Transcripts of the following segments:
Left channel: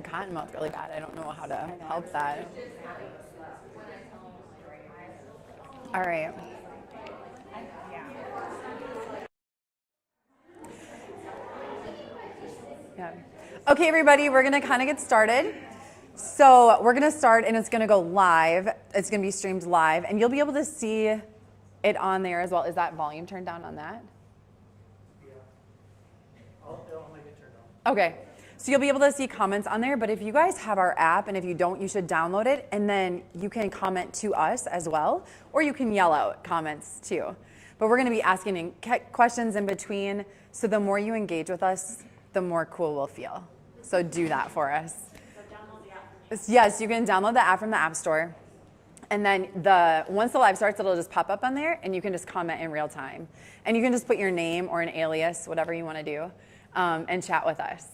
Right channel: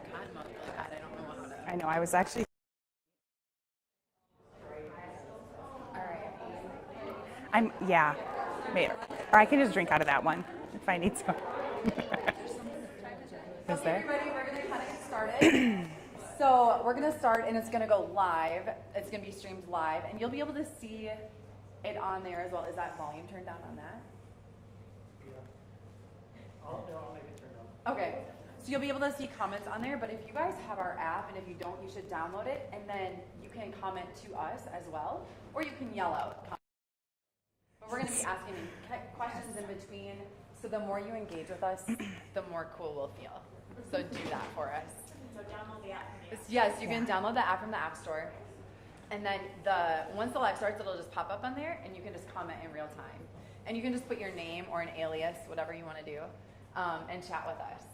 had cotton mouth really bad. I don't know how to. I know. I was actually. All right. Yeah. Maybe. Or I can just drink out of that one if I need some. Okay, everybody, we're gonna kind of get started. So we're gonna start, and it's gonna go live. It's gonna be streamed live, and you'll be able to see it on there as well. Is that volume turned down on that? I'll make it turned on. Okay, so you'll be able to see comments on there, but if you guys have our app, and if you don't, you should download it, and then you can comment to us as well, or you can yell out comments too. But we're gonna be asking questions in between, so the more you engage with us, the more cool we'll feel. So do that for us. So download the app. Yes, you can download the app from the App Store. And then once the live starts, it'll just pop up on there, and you can just comment in real time. And you can just put your name or an alias, whatever you want to do, and chat with us.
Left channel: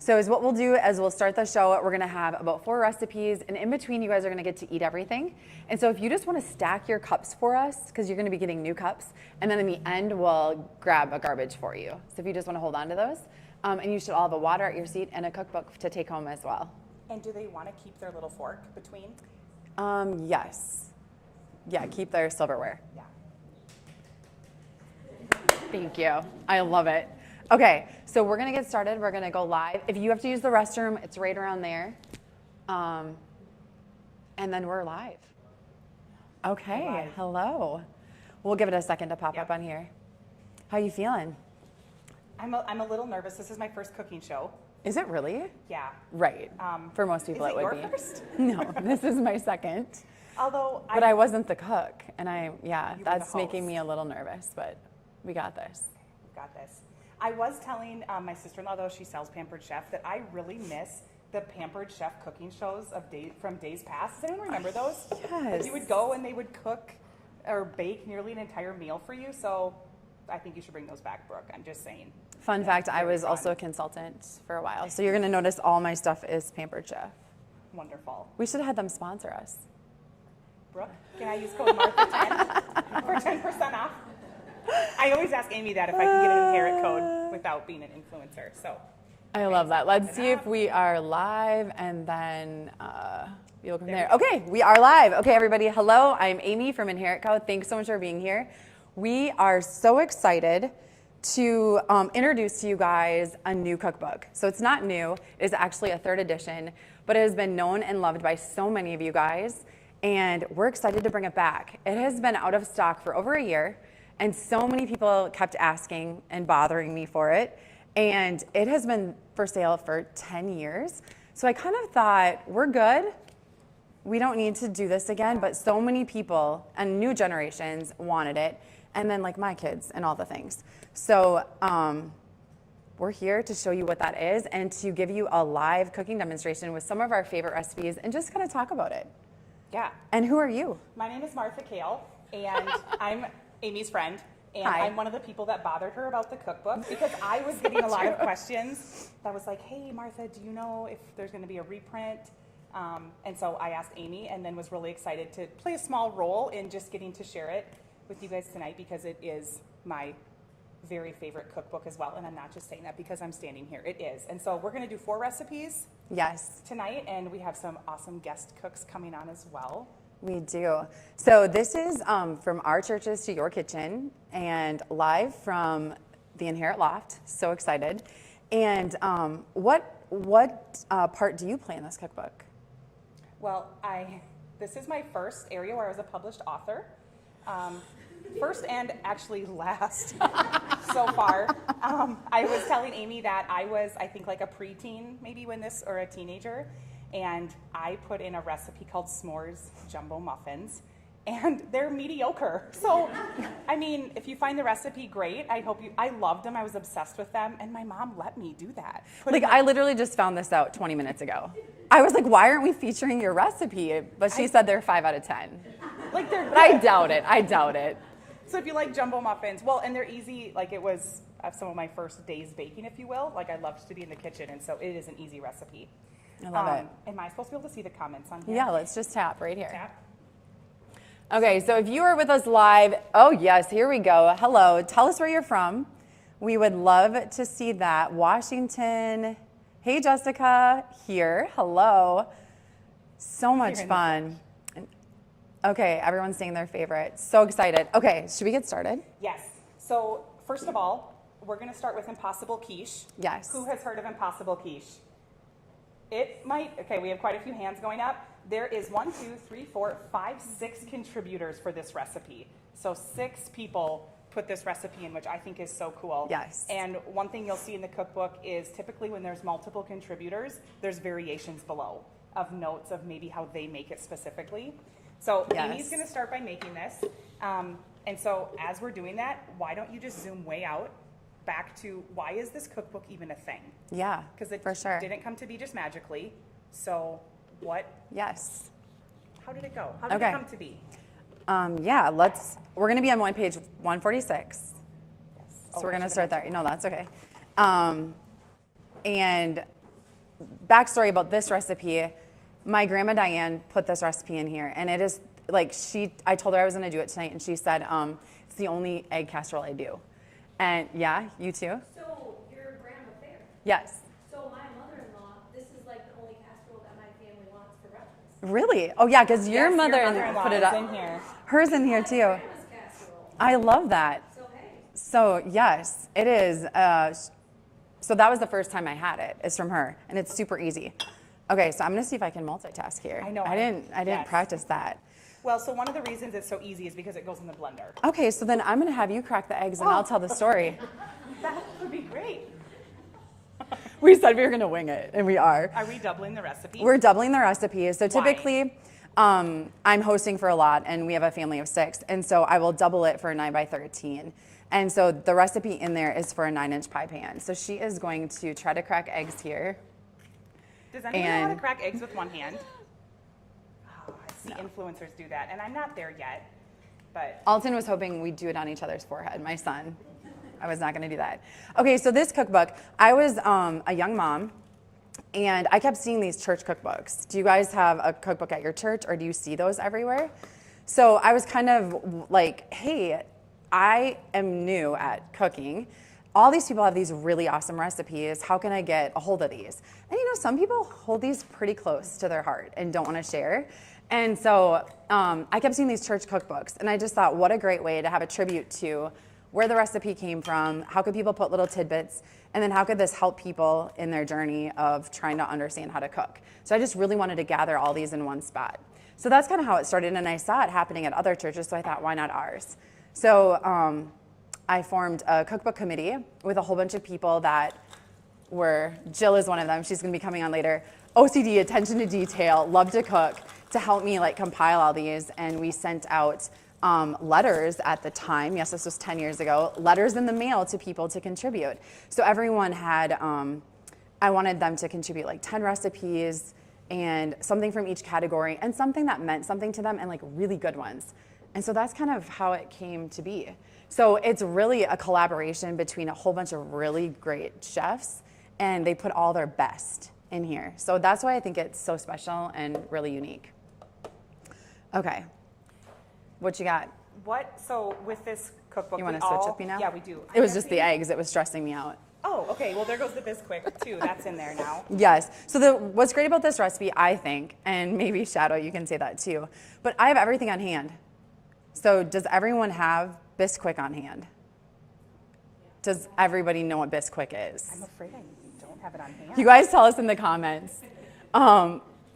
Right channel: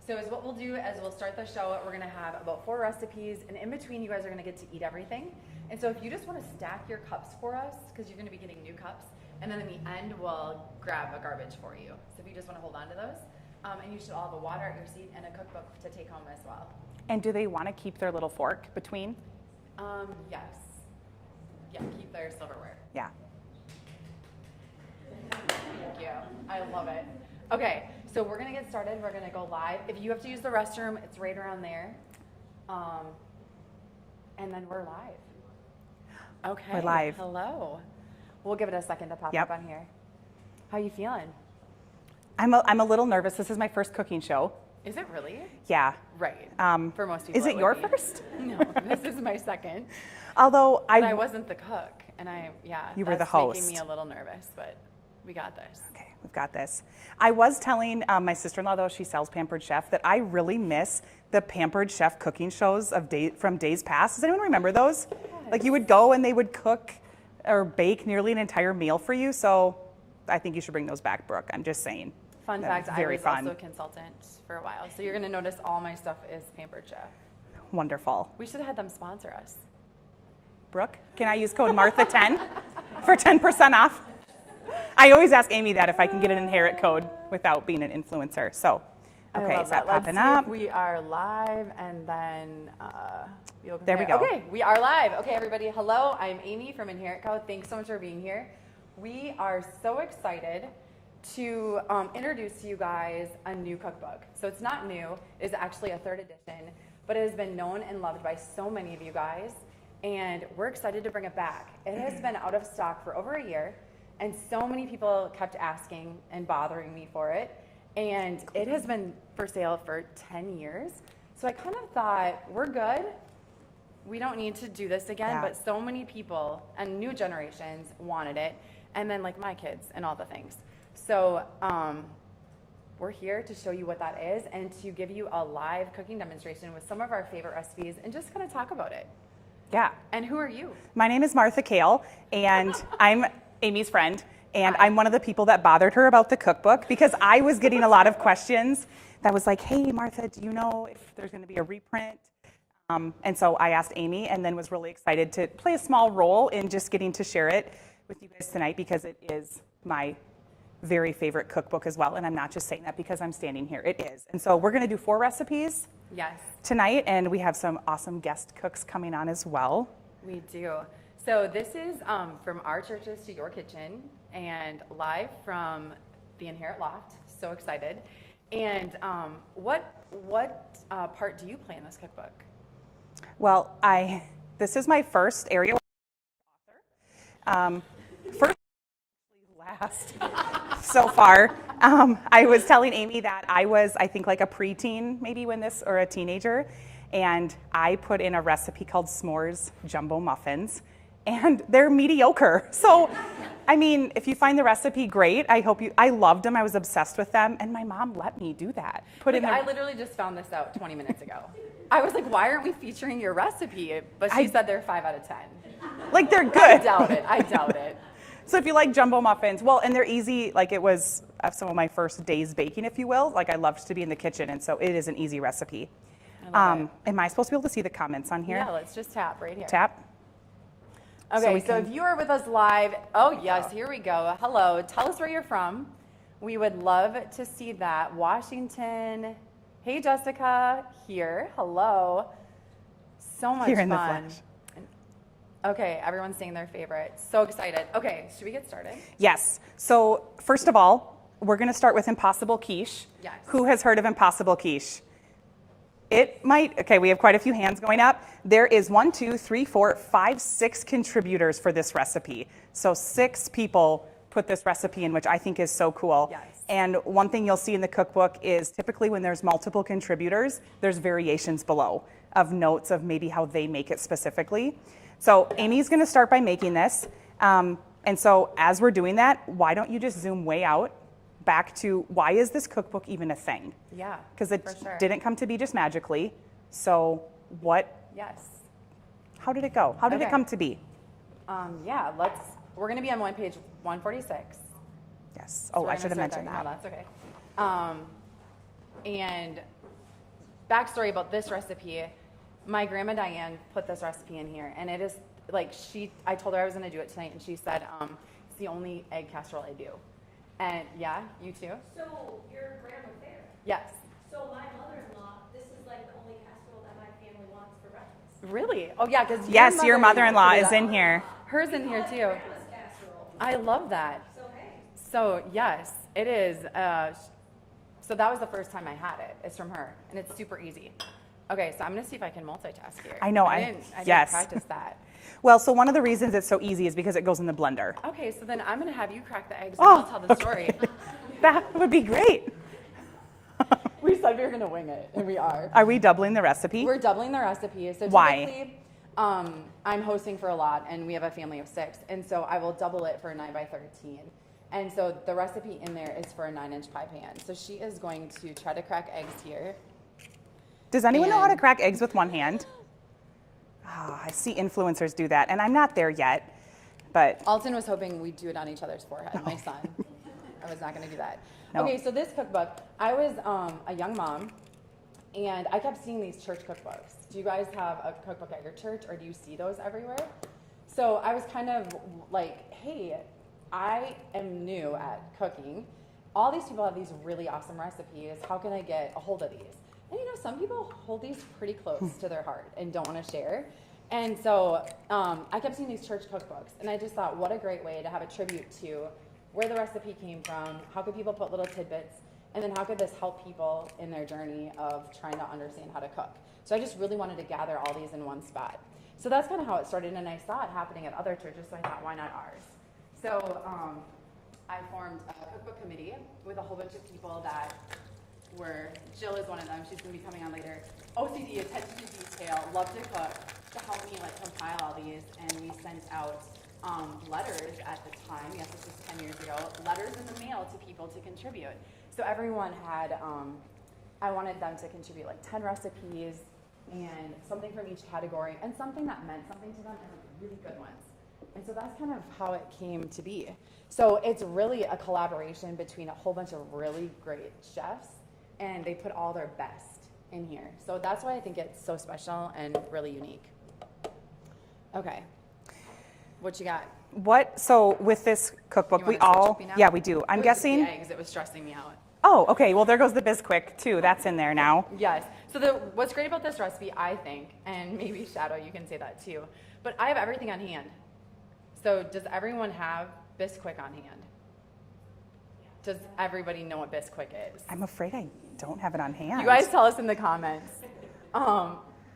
So what we'll do is we'll start the show. We're going to have about 4 recipes, and in between, you guys are going to get to eat everything. And so if you just want to stack your cups for us, because you're going to be getting new cups, and then in the end, we'll grab a garbage for you. So if you just want to hold on to those, and you should all have a water at your seat and a cookbook to take home as well. And do they want to keep their little fork between? Yes. Yeah, keep their silverware. Yeah. Thank you. I love it. Okay, so we're going to get started. We're going to go live. If you have to use the restroom, it's right around there. And then we're live. Okay. We're live. Hello. We'll give it a second to pop up on here. How you feeling? I'm a little nervous. This is my first cooking show. Is it really? Yeah. Right. For most people. Is it your first? No, this is my second. Although I wasn't the cook, and you were the host. Making me a little nervous, but we got this. Okay, we've got this. I was telling my sister-in-law, though, she sells Pampered Chef, that I really miss the Pampered Chef cooking shows from days past. Does anyone remember those? Yes. Like you would go and they would cook or bake nearly an entire meal for you. So I think you should bring those back, Brooke. I'm just saying. Fun fact, I was also a consultant for a while. So you're going to notice all my stuff is Pampered Chef. Wonderful. We should have had them sponsor us. Brooke, can I use code Martha10 for 10% off? I always ask Amy that if I can get an inherit code without being an influencer. So, okay, I love that. Let's see up. if we are live, and then you'll there we go. Okay, we are live. Okay, everybody, hello. I'm Amy from Inherit Co. Thanks so much for being here. We are so excited to introduce to you guys a new cookbook. So it's not new. It's actually a 3rd edition, but it has been known and loved by so many of you guys, and we're excited to bring it back. It has been out of stock for over a year, and so many people kept asking and bothering me for it, and it has been for sale for 10 years. So I kind of thought, we're good. We don't need to do this again, but so many people and new generations wanted it, and then like my kids and all the things. So we're here to show you what that is and to give you a live cooking demonstration with some of our favorite recipes and just kind of talk about it. Yeah. And who are you? My name is Martha Kale, and I'm Amy's friend, and Hi. I'm one of the people that bothered her about the cookbook because I was getting a lot of questions that was like, hey, Martha, do you know if there's going to be a reprint? And so I asked Amy and then was really excited to play a small role in just getting to share it with you guys tonight because it is my very favorite cookbook as well, and I'm not just saying that because I'm standing here. It is. And so we're going to do 4 recipes tonight, and we have some awesome guest cooks coming on as well. We do. So this is from our churches to your kitchen and live from the Inherit Loft. So excited. And what part do you play in this cookbook? Well, this is my first area where I was a published author. First and actually last so far. I was telling Amy that I was, I think, like a preteen maybe or a teenager, and I put in a recipe called s'mores jumbo muffins, and they're mediocre. So, I mean, if you find the recipe, great. I loved them. I was obsessed with them, and my mom let me do that. I literally just found this out 20 minutes ago. I was like, why aren't we featuring your recipe? But she said they're 5 out of 10. Like, they're good. I doubt it. So if you like jumbo muffins, well, and they're easy, like it was some of my first days baking, if you will. Like I loved to be in the kitchen, and so it is an easy recipe. Am I supposed to be able to see the comments on here? Yeah, let's just tap right here. Tap. Okay, so if you are with us live, oh yes, here we go. Hello, tell us where you're from. We would love to see that. Washington, Hey, Jessica, here. Hello. So much Here in the fun. Okay, everyone's saying their favorite. So excited. Okay, should we get started? Yes. So first of all, we're going to start with impossible quiche. Yes. Who has heard of impossible quiche? Okay, we have quite a few hands going up. There is 1, 2, 3, 4, 5, 6 contributors for this recipe. So 6 people put this recipe in, which I think is so cool. Yes. And one thing you'll see in the cookbook is typically when there's multiple contributors, there's variations below of notes of maybe how they make it specifically. So Yes. Amy's going to start by making this. And so as we're doing that, why don't you just zoom way out back to why is this cookbook even a thing? Yeah, Because it for sure. didn't come to be just magically. So Yes. how did it go? How did it Okay. come to be? Yeah, we're going to be on page 146. Yes. So we're I going to should have start there. mentioned No, that's okay. And backstory about this recipe, my grandma Diane put this recipe in here, and it is like I told her I was going to do it tonight, and she said, it's the only egg casserole I do. And yeah, you too? So your grandma fair. Yes. So my mother-in-law, this is like the only casserole that my family wants for breakfast. Really? Oh yeah, because Yes, your mother-in-law is in here. Hers in here too. Grandma's casserole. I love that. So hey. So yes, it is. So that was the first time I had it. It's from her, and it's super easy. Okay, so I'm gonna see if I can multitask here. I know, I didn't yes. practice that. Well, so one of the reasons it's so easy is because it goes in the blender. Okay, so then I'm gonna have you crack the eggs, and I'll tell the story. That would be great. We said we were gonna wing it, and we are. Are we doubling the recipe? We're doubling the recipe. So Why? typically, I'm hosting for a lot, and we have a family of 6, and so I will double it for a 9x13. And so the recipe in there is for a 9-inch pie pan. So she is going to try to crack eggs here. Does anyone know how to And- crack eggs with one hand? Oh, I see influencers do that, and I'm not there yet. But Alton was hoping we'd do it on each other's forehead, my son. I was not going to do that. No. Okay, so this cookbook, I was a young mom, and I kept seeing these church cookbooks. Do you guys have a cookbook at your church, or do you see those everywhere? So I was kind of like, hey, I am new at cooking. All these people have these really awesome recipes. How can I get a hold of these? And you know, some people hold these pretty close to their heart and don't want to share. And so I kept seeing these church cookbooks, and I just thought, what a great way to have a tribute to where the recipe came from, how could people put little tidbits, and then how could this help people in their journey of trying to understand how to cook. So I just really wanted to gather all these in one spot. So that's kind of how it started, and I saw it happening at other churches, so I thought, why not ours? So I formed a cookbook committee with a whole bunch of people that Jill is one of them, she's gonna be coming on later, OCD, attention to detail, love to cook, to help me like compile all these, and we sent out letters at the time, yes, this was 10 years ago, letters in the mail to people to contribute. So everyone had, I wanted them to contribute like 10 recipes and something from each category and something that meant something to them and like really good ones. And so that's kind of how it came to be. So it's really a collaboration between a whole bunch of really great chefs, and they put all their best in here. So that's why I think it's so special and really unique. Okay, what you got? so with this cookbook, You we wanna switch all, up me now? yeah, we do. It I'm was guessing. just the eggs, it was stressing me out. Oh, okay. Well, there goes the Bisquick too. That's in there now. Yes. So what's great about this recipe, I think, and maybe Shadow, you can say that too, but I have everything on hand. So does everyone have Bisquick on hand? Does everybody know what Bisquick is? I'm afraid I don't have it on hand. You guys tell us in the comments.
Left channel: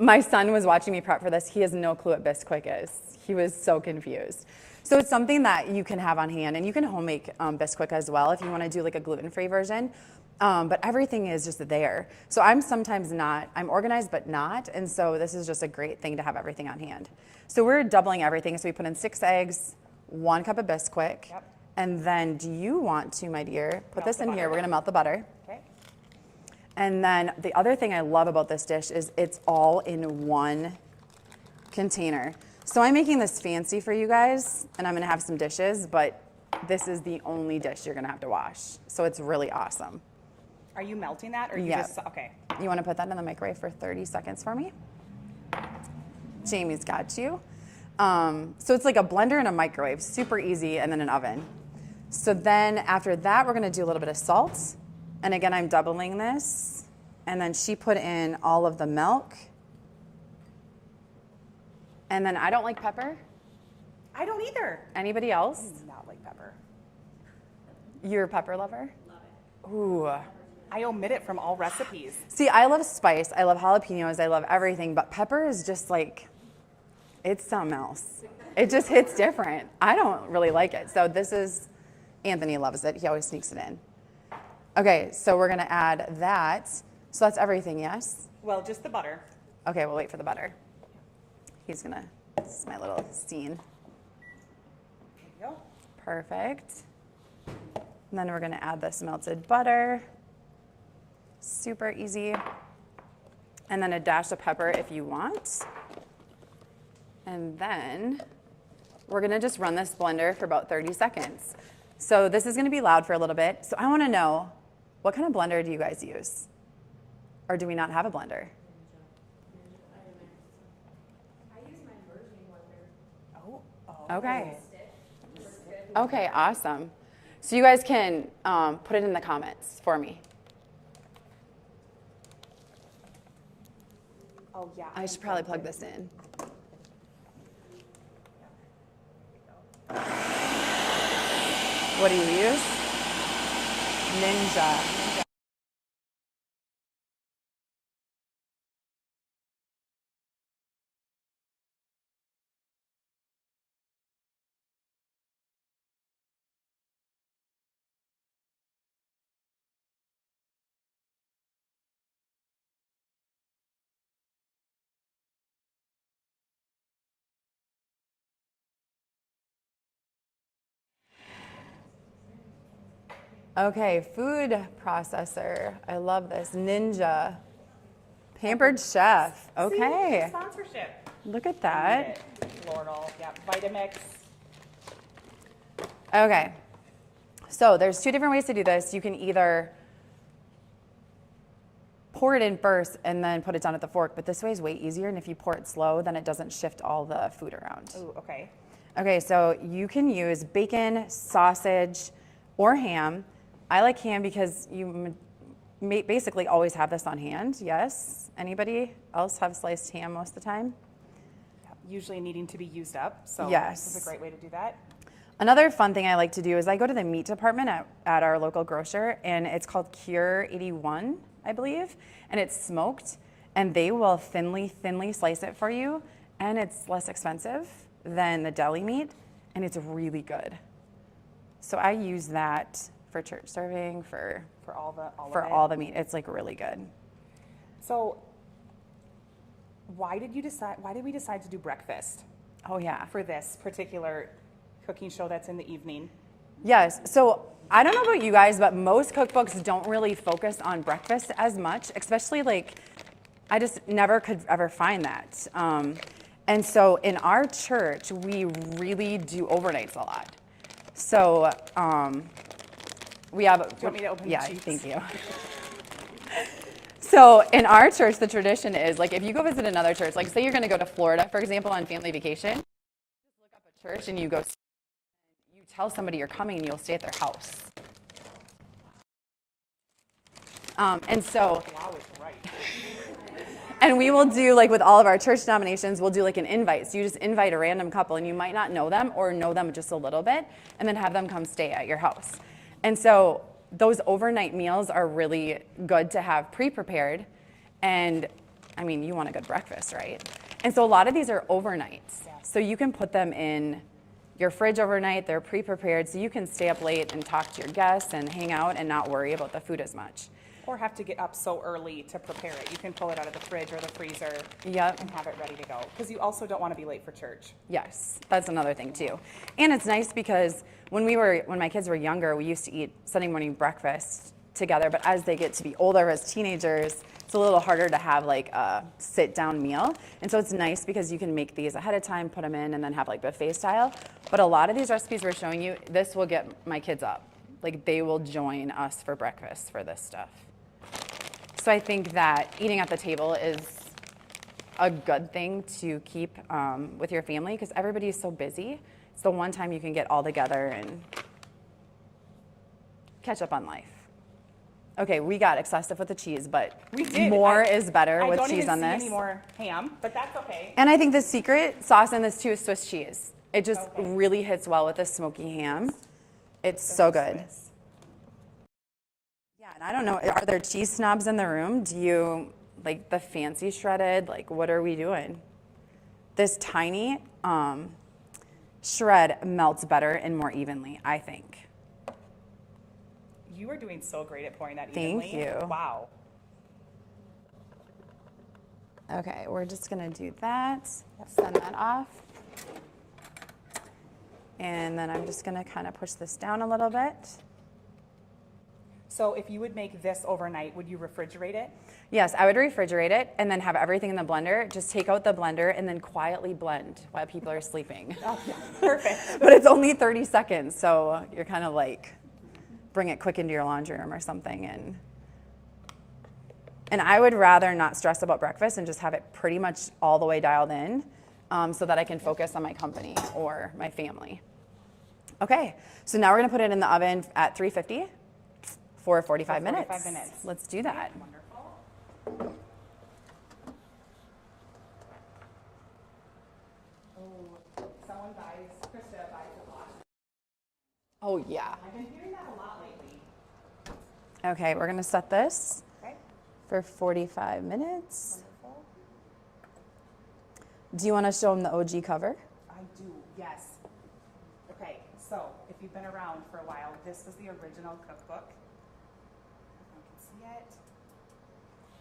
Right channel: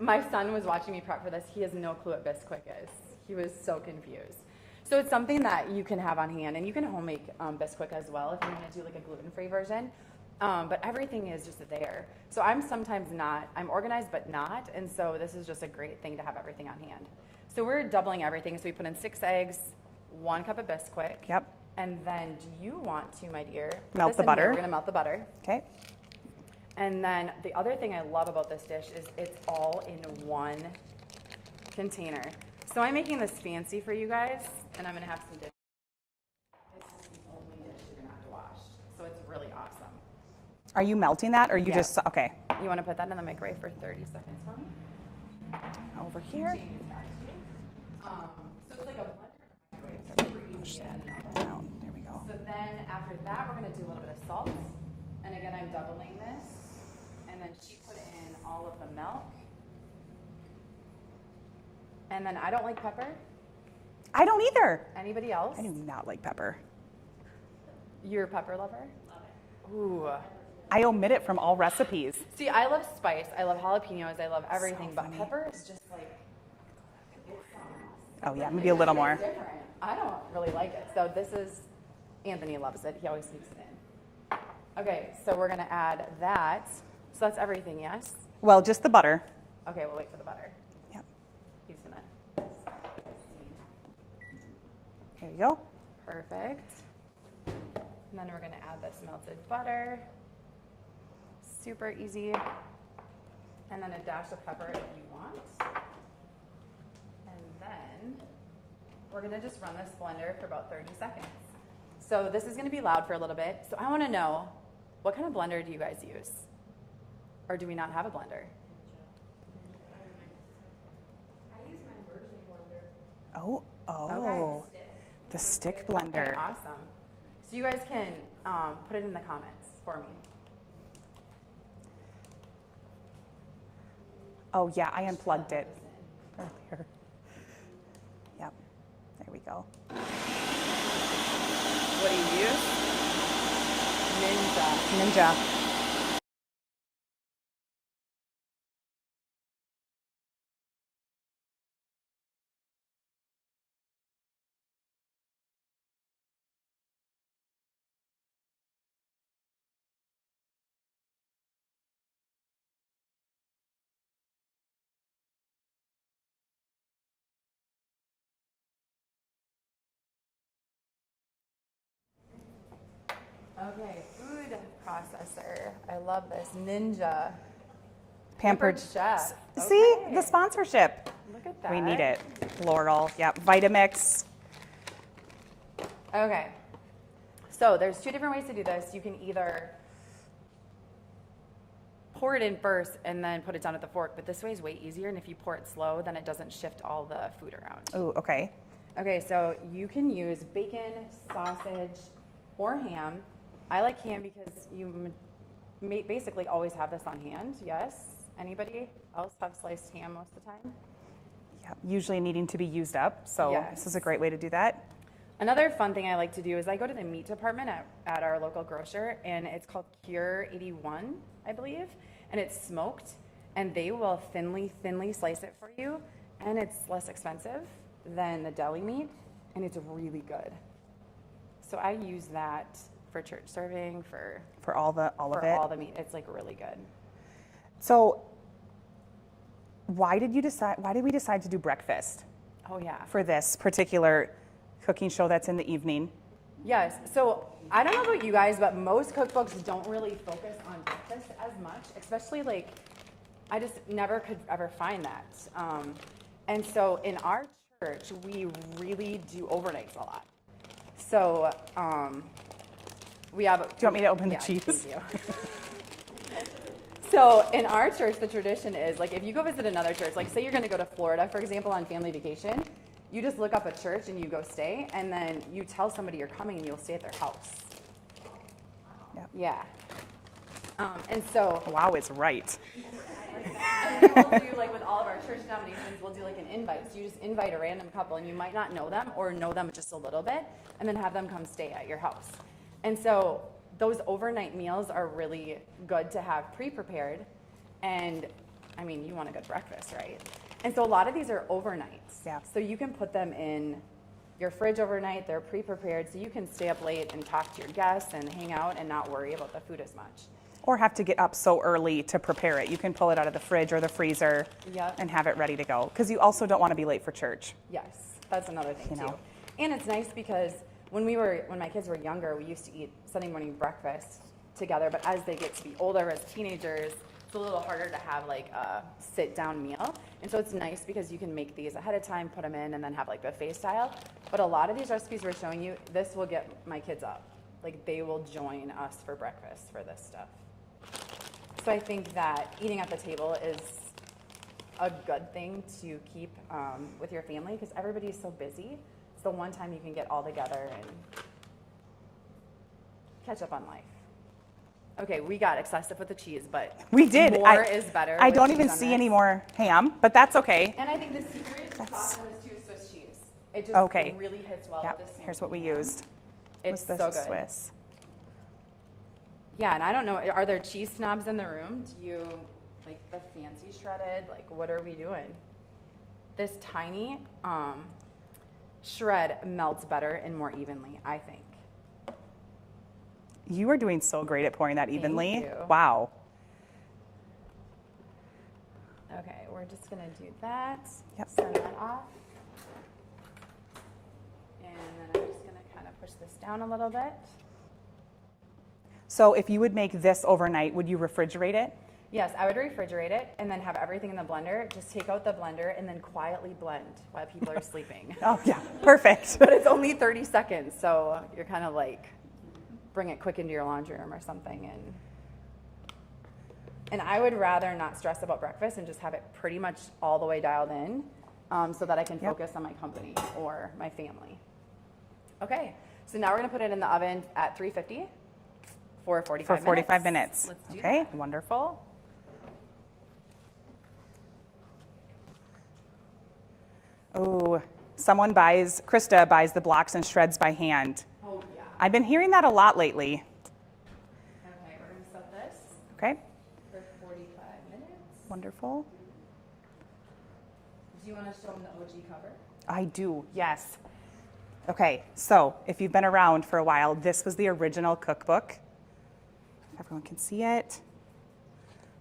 My son was watching me prep for this. He has no clue what Bisquick is. He was so confused. So it's something that you can have on hand, and you can home make Bisquick as well if you want to do like a gluten-free version. But everything is just there. So I'm sometimes not, I'm organized but not, and so this is just a great thing to have everything on hand. So we're doubling everything. So we put in 6 eggs, 1 cup of Bisquick. Yep. And then do you want to, my dear, put Melt this the in butter. here. We're gonna melt the butter. Okay. And then the other thing I love about this dish is it's all in one container. So I'm making this fancy for you guys, and I'm gonna have some dishes, but this is the only dish you're gonna have to wash. So it's really awesome. Are you melting that, or you Yeah. just okay? You wanna put that in the microwave for 30 seconds for me? Over here. Jamie's got you. So it's like a blender and a microwave, super easy, and then an oven. So then after that, we're gonna do a little bit of salt. And again, I'm doubling this. And then she put in all of the milk. And then I don't like pepper. I don't either. Anybody else? I do not like pepper. You're a pepper lover? Ooh. I omit it from all recipes. See, I love spice. I love jalapenos. I love everything. But pepper is just like, it's something else. Oh yeah, It maybe a just little hits more. different. I don't really like it. So this is, Anthony loves it. He always sneaks it in. Okay, so we're gonna add that. So that's everything, yes? Well, just the butter. Okay, we'll wait for the butter. Yep. He's gonna, this is my little scene. There you go. Perfect. And then we're gonna add this melted butter. Super easy. And then a dash of pepper if you want. And then we're gonna just run this blender for about 30 seconds. So this is gonna be loud for a little bit. So I wanna know, what kind of blender do you guys use? Or do we not have a blender? I use my immersion blender. Oh. Okay. The stick blender. Okay, awesome. So you guys can put it in the comments for me. Oh yeah, I should probably plug this in. Here. Yep. There we go. What do you use? Ninja. Okay, food processor. I love this. Ninja. Pampered Chef. See, Okay. the sponsorship. Look at We that. need it. Laurel. Yep. Vitamix. Okay. So there's two different ways to do this. You can either pour it in first and then put it down with the fork, but this way is way easier. And if you pour it slow, then it doesn't shift all the food around. Ooh, okay. Okay, so you can use bacon, sausage, or ham. I like ham because you basically always have this on hand. Yes? Anybody else have sliced ham most of the time? Yep. Usually needing to be used up, so Yes. this is a great way to do that. Another fun thing I like to do is I go to the meat department at our local grocer, and it's called Cure 81, I believe, and it's smoked, and they will thinly slice it for you, and it's less expensive than the deli meat, and it's really good. So I use that for church serving, for all of it. all the meat. It's like really good. So why did we decide to do breakfast Oh yeah. for this particular cooking show that's in the evening? Yes. So I don't know about you guys, but most cookbooks don't really focus on breakfast as much, especially like I just never could ever find that. And so in our church, we really do overnights a lot. So we have. Do you want me to open the cheese? Thank you. So in our church, the tradition is like if you go visit another church, like say you're going to go to Florida, for example, on family vacation, you just look up a church and you go stay, and then you tell somebody you're coming and you'll stay at their house. Yep. Yeah. And so, Wow is right. and we will do like with all of our church denominations, we'll do like an invite. So you just invite a random couple, and you might not know them or know them just a little bit, and then have them come stay at your house. And so those overnight meals are really good to have pre-prepared. And I mean, you want a good breakfast, right? And so a lot of these are overnights. Yeah. So you can put them in your fridge overnight. They're pre-prepared, so you can stay up late and talk to your guests and hang out and not worry about the food as much. Or have to get up so early to prepare it. You can pull it out of the fridge or the freezer and have it ready to go. Because you also don't want to be late for church. Yes, that's another thing too. know. And it's nice because when my kids were younger, we used to eat Sunday morning breakfast together. But as they get to be older, as teenagers, it's a little harder to have like a sit-down meal. And so it's nice because you can make these ahead of time, put them in, and then have like buffet style. But a lot of these recipes we're showing you, this will get my kids up. Like they will join us for breakfast for this stuff. So I think that eating at the table is a good thing to keep with your family because everybody is so busy. It's the one time you can get all together and catch up on life. Okay, we got excessive with the cheese, but We did. more is better I with don't cheese even on see this. any more ham, but that's okay. And I think the secret sauce in this too is Swiss cheese. It just Okay. really hits well with the Here's smoky what we ham. used. It's Was the so good. Swiss. Yeah, and I don't know, are there cheese snobs in the room? Do you like the fancy shredded? Like, what are we doing? This tiny shred melts better and more evenly, I think. You are doing so great at pouring that Thank evenly. you. Wow. Okay, we're just gonna do that. Yep. Send that off. And then I'm just gonna kind of push this down a little bit. So if you would make this overnight, would you refrigerate it? Yes, I would refrigerate it and then have everything in the blender. Just take out the blender and then quietly blend while people are sleeping. Oh, yeah. Perfect. But it's only 30 seconds, so you're kind of like, bring it quick into your laundry room or something. And I would rather not stress about breakfast and just have it pretty much all the way dialed in so that I can focus on my company or my family. Okay, so now we're gonna put it in the oven at 350 for 45 minutes. 45 minutes. Let's do Okay, that. wonderful. Oh, Krista buys the blocks and shreds by hand. Oh yeah. I've been hearing that a lot lately. Okay, we're gonna set this Okay, for 45 minutes. wonderful. Do you wanna show them the OG cover? I do, yes. Okay, so if you've been around for a while, this was the original cookbook. Everyone can see it.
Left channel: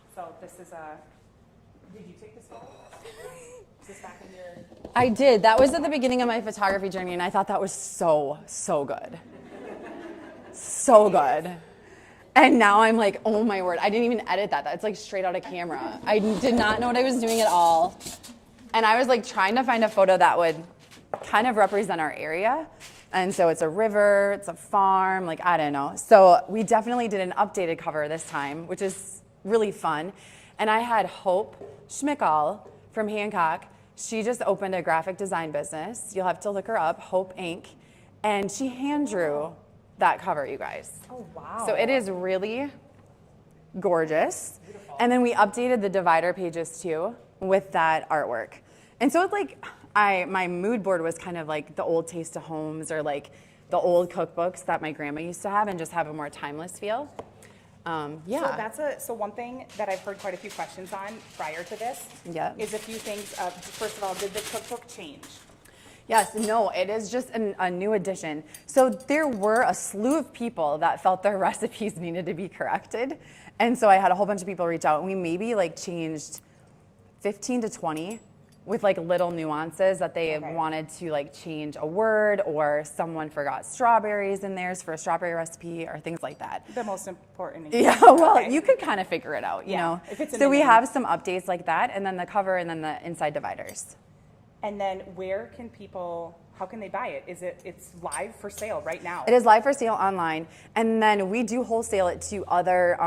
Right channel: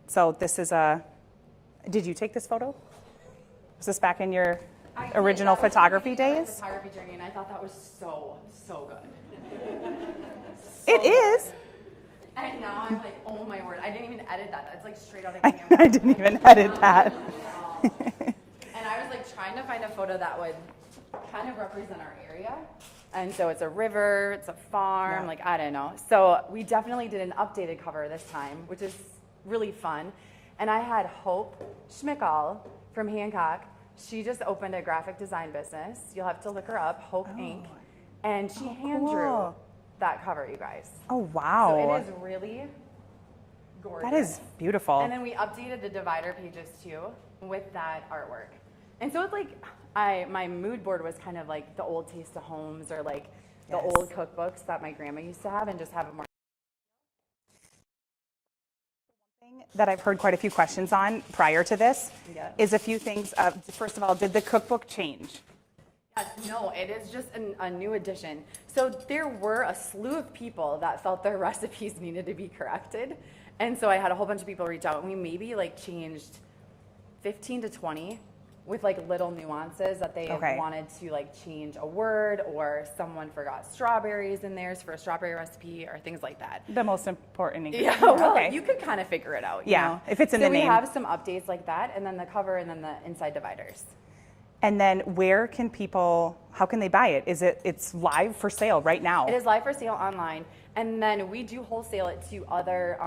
So this is did you take this photo? Is this back in your I did. original That was at the photography beginning of my days? photography journey, and I thought that was so good. So It good. is. And now I'm like, oh my word, I didn't even edit that. That's like straight out of camera. I didn't even did edit not know I that. was doing it all. And I was like trying to find a photo that would kind of represent our area. And so it's a river, it's a farm, like I don't know. So we definitely did an updated cover this time, which is really fun. And I had Hope Schmickel from Hancock. She just opened a graphic design business. You'll have to look her up, Hope Inc. And she hand drew cool. that cover, you guys. Oh, wow. So it is really gorgeous. That is beautiful. And then we updated the divider pages too with that artwork. And so it's like, my mood board was kind of like the old Taste of Homes or like the old cookbooks that my grandma used to have and just have a more timeless feel. Yeah. So one thing that I've heard quite a few questions on prior to this Yeah. is a few things. First of all, did the cookbook change? Yes, no, it is just a new addition. So there were a slew of people that felt their recipes needed to be corrected. And so I had a whole bunch of people reach out and we maybe like changed 15 to 20 with like little nuances that they Okay. wanted to like change a word or someone forgot strawberries in theirs for a strawberry recipe or things like that. The most important. Yeah, well, Okay. you could kind of figure it out, you Yeah, know? if it's in so the we name. have some updates like that and then the cover and then the inside dividers. And then how can they buy it? It's live for sale right now? It is live for sale online, and then we do wholesale it to other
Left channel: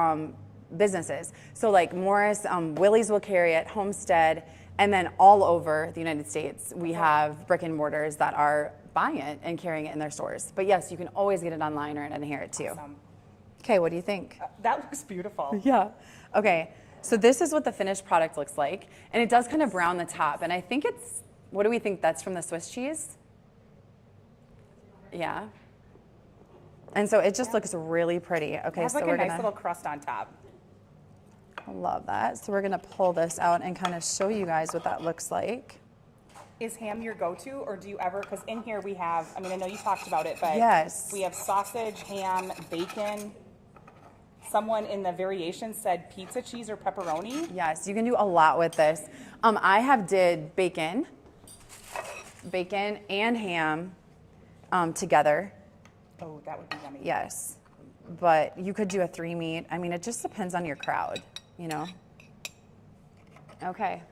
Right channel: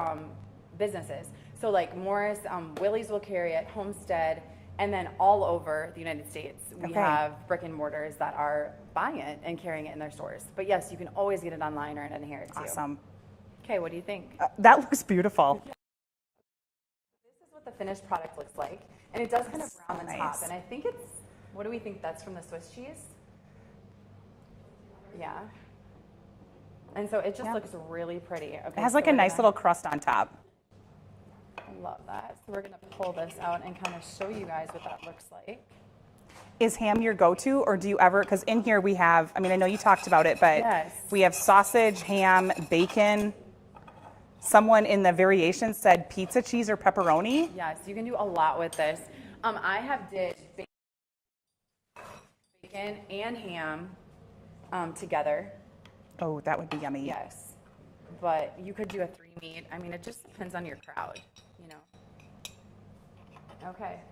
businesses. So like Morris, Willie's will carry it, Homestead, and then all over the United States, we Okay. have brick and mortars that are buying it and carrying it in their stores. But yes, you can always get it online or in here too. Awesome. Okay, what do you think? That looks beautiful. Yeah. Okay, so this is what the finished product looks like, and it does kind of brown the top, nice. and I think it's, what do we think that's from the Swiss cheese? Yeah. And so it just looks really pretty. Okay, It has so like a we're nice gonna- little crust on top. I love that. So we're gonna pull this out and kind of show you guys what that looks like. Is ham your go-to, or do you ever, because in here we have, I know you talked about it, but Yes. we have sausage, ham, bacon. Someone in the variation said pizza cheese or pepperoni. Yes, you can do a lot with this. I did bacon and ham together. Oh, that would be yummy. Yes, but you could do a 3 meat. I mean, it just depends on your crowd, you know? Okay,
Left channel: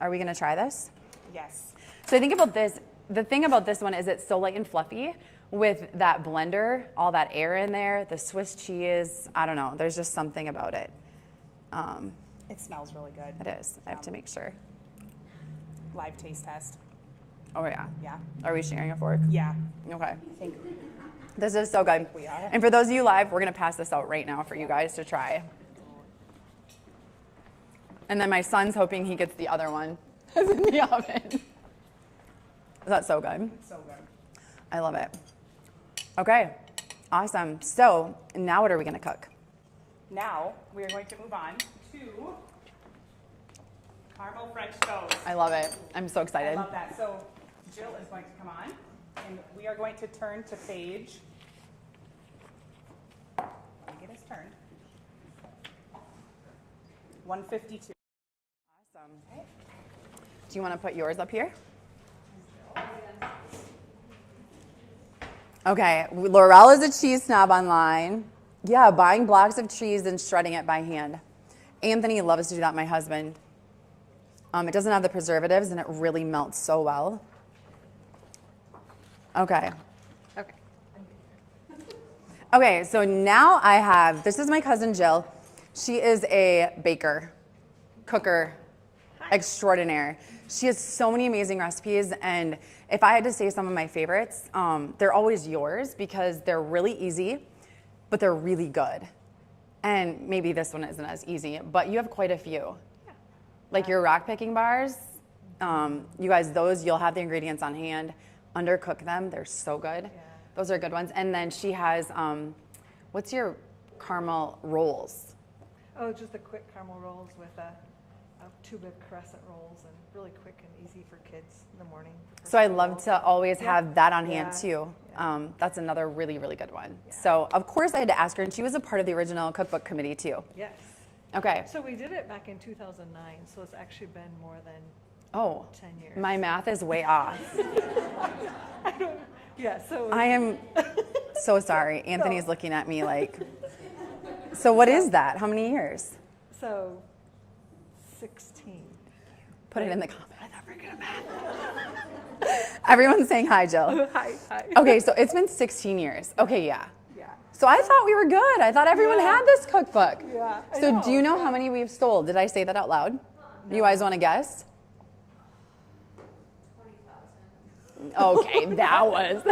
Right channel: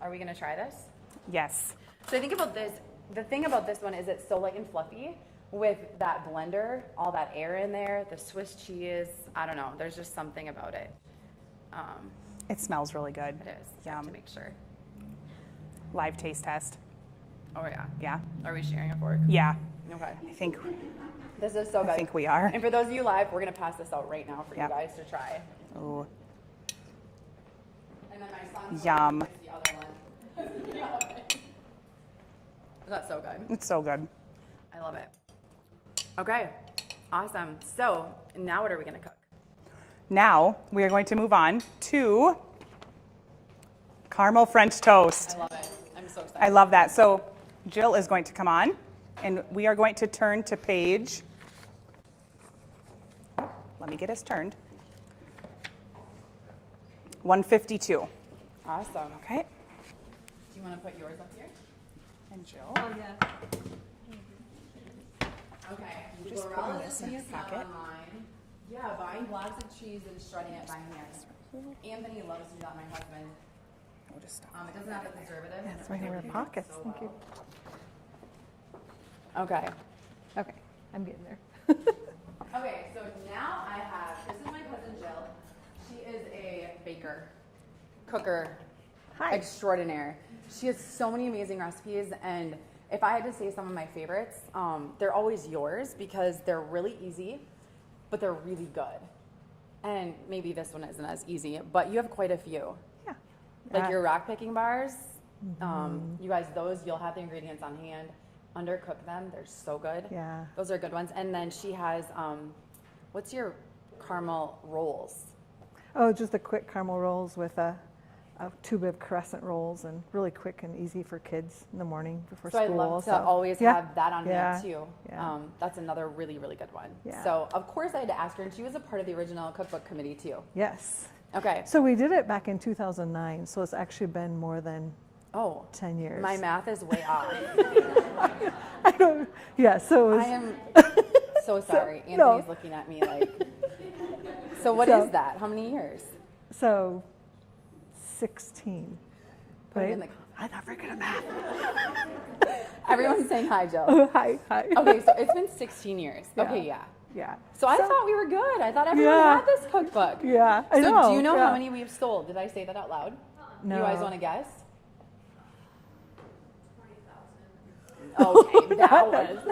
are we gonna try this? Yes. So I think about this, the thing about this one is it's so light and fluffy with that blender, all that air in there, the Swiss cheese, I don't know, there's just something about it. It smells really good. It is, I have to make sure. Live taste test. Oh yeah, Yeah. are we sharing a fork? Yeah. Okay. I think This is so good. think we are. And for those of you live, we're gonna pass this out right now for you Yep. guys to try. Ooh. And then my son's hoping he Yum. gets the other one in the oven. That's so good. It's so good. I love it. Okay, awesome. So now what are we gonna cook? Now we are going to move on to caramel French toast. I love it. I'm so excited. I love that. So Jill is going to come on, and we are going to turn to page. Let me get us turned. 152. Awesome. Okay. Do you want to put yours up here? And Jill. Okay, Laurel is a cheese snob online. Yeah, buying blocks of cheese and shredding it by hand. Anthony loves to do that, my husband. It doesn't have the preservatives and it really melts so well. Okay. Okay, I'm getting there. Okay, so now I have, this is my cousin Jill. She is a baker, cooker, extraordinaire. She has so many amazing recipes, and if I had to say some of my favorites, they're always yours because they're really easy, but they're really good. And maybe this one isn't as easy, but you have quite a few. Yeah. Like your rock picking bars, you guys, those, you'll have the ingredients on hand. Undercook them, they're so good. Yeah. Those are good ones. And then she has, what's your caramel rolls? Oh, just the quick caramel rolls with a tube of crescent rolls, and really quick and easy for kids in the morning before So I school. love to always Yeah. have that on Yeah. hand too. Yeah. That's another really, really good one. Yeah. So of course I had to ask her, and she was a part of the original cookbook committee too. Yes. Okay. So we did it back in 2009, so it's actually been more than Oh, 10 years. my math is way off. I don't, yeah, so I am so sorry. No. Anthony's looking at me like, so what is that? How many years? so 16. Put it in the comments. I'm not very good at math. Everyone's saying hi, Jill. Hi. Hi. Okay, so it's been 16 years. Okay, yeah. Yeah. So I thought we were good. I thought everyone Yeah. had this cookbook. Yeah, I So know, do you know how yeah. many we've sold? Did I say that out loud? No. You guys want to guess? Okay, that was.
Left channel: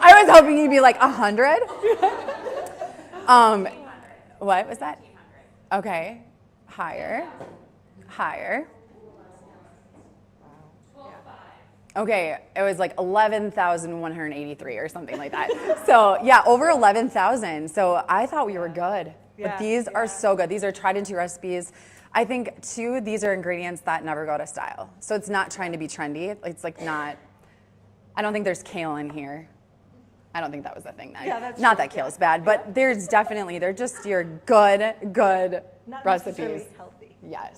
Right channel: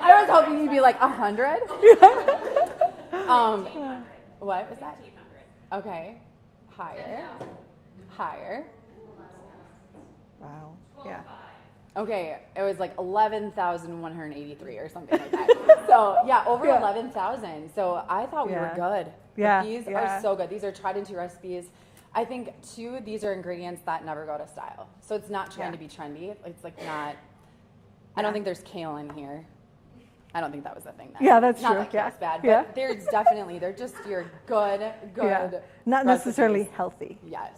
I was hoping you'd be like 100. What was that? Okay, higher, higher. Wow. Yeah. Okay, it was like 11,183 or something like that. So yeah, over 11,000. So I thought we were Yeah. good. Yeah, But these are yeah. so good. These are tried and true recipes. I think too, these are ingredients that never go out of style. So it's not trying to be trendy. It's like not, I don't think there's kale in here. I don't think that was the thing. Yeah, that's not true. that kale's Yeah. bad, but Yeah. there's definitely, they're just your good Yeah. Not necessarily recipes. healthy. Yes.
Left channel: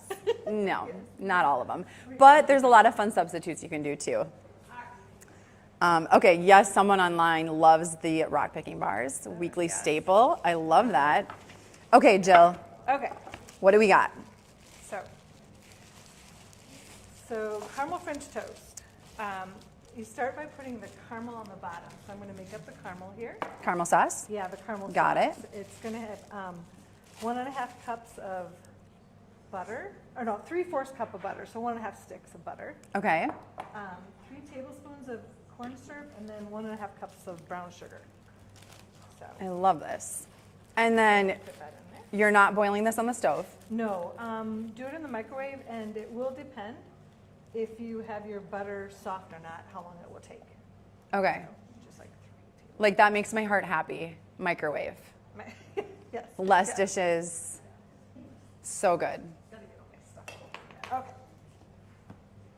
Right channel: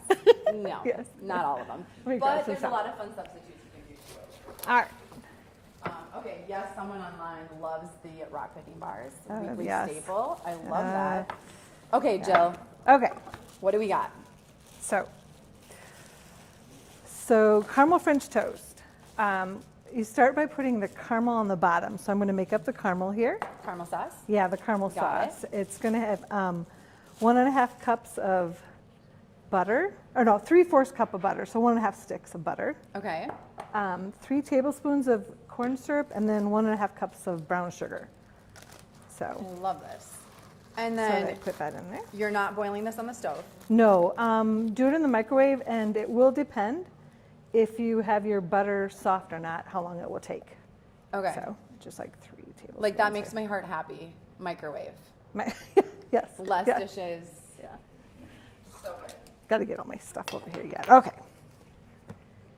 No, Yes. not all of them. We got But some there's a lot of fun substitutes you can do too. All right. Okay, yes, someone online loves the rock picking bars, weekly yes. staple. I love that. Okay, Jill, Okay. what do we got? So caramel French toast. You start by putting the caramel on the bottom. So I'm going to make up the caramel here. Caramel sauce? Yeah, the caramel Got sauce. It's going to have 1.5 cups of butter, or no, 3/4 cup of butter. So 1.5 sticks of butter. Okay. 3 tablespoons of corn syrup, and then 1.5 cups of brown sugar. So, I love this. And so then I put that in there. you're not boiling this on the stove. No, do it in the microwave, and it will depend if you have your butter soft or not, how long it will take. Okay. So just like 3 tablespoons. Like that makes my heart happy. Microwave. Yes. Less yeah. dishes. Yeah. So good. Got to get all my stuff over here yet. Okay.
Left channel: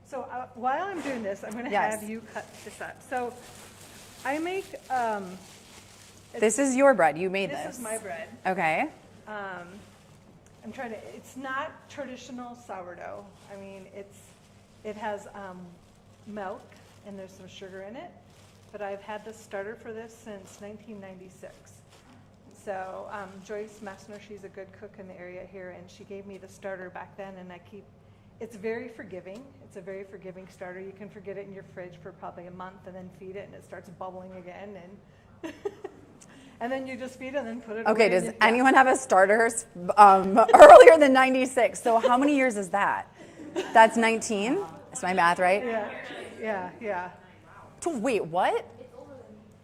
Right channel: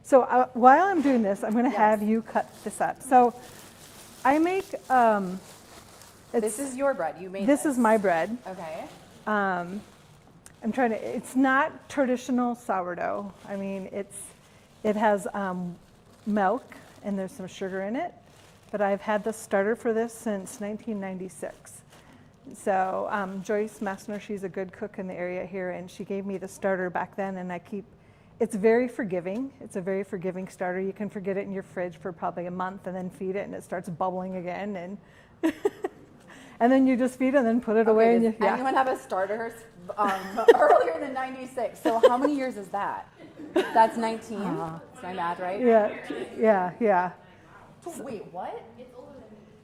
So while I'm doing this, I'm going to Yes. have you cut this up. So I make. This is your bread. You made this. This is my bread. Okay. I'm trying to. It's not traditional sourdough. I mean, it has milk and there's some sugar in it. But I've had the starter for this since 1996. So Joyce Messner, she's a good cook in the area here, and she gave me the starter back then, and it's very forgiving. It's a very forgiving starter. You can forget it in your fridge for probably a month and then feed it, and it starts bubbling again, and and then you just feed it and then put it away. Okay, and does you- yeah. anyone have a starter earlier than 96? So how many years is that? That's 19? Is my math right? Yeah. Wait, what?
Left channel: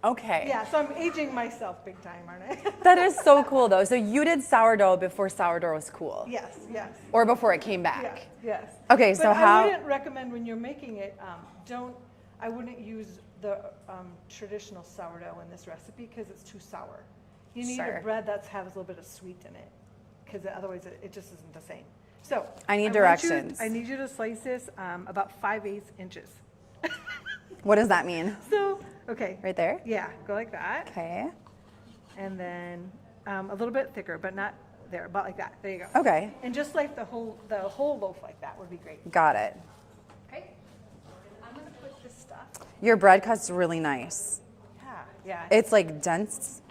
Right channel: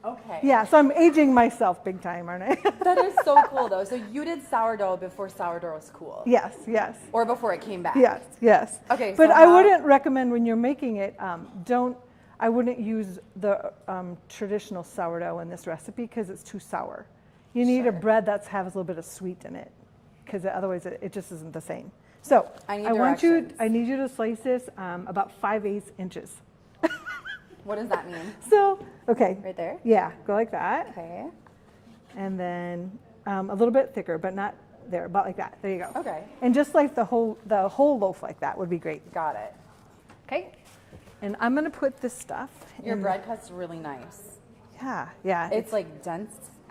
Okay. Yeah, so I'm aging myself big time, aren't I? That is so cool though. So you did sourdough before sourdough was cool. Yes, yes. Or before it came back. Yes, yes. Okay, so but how- I wouldn't recommend when you're making it, I wouldn't use the traditional sourdough in this recipe because it's too sour. You need a Sure. bread that has a little bit of sweet in it because otherwise it just isn't the same. So I need want directions. I need you to slice this about 5/8 inches. What does that mean? So, okay. Right there? Yeah, go like that. Okay. And then a little bit thicker, but not there, about like that. There you go. Okay. And just like the whole loaf like that would be great. Got it. Okay. And I'm gonna put this stuff. Your bread cut's really nice. Yeah. It's like dense.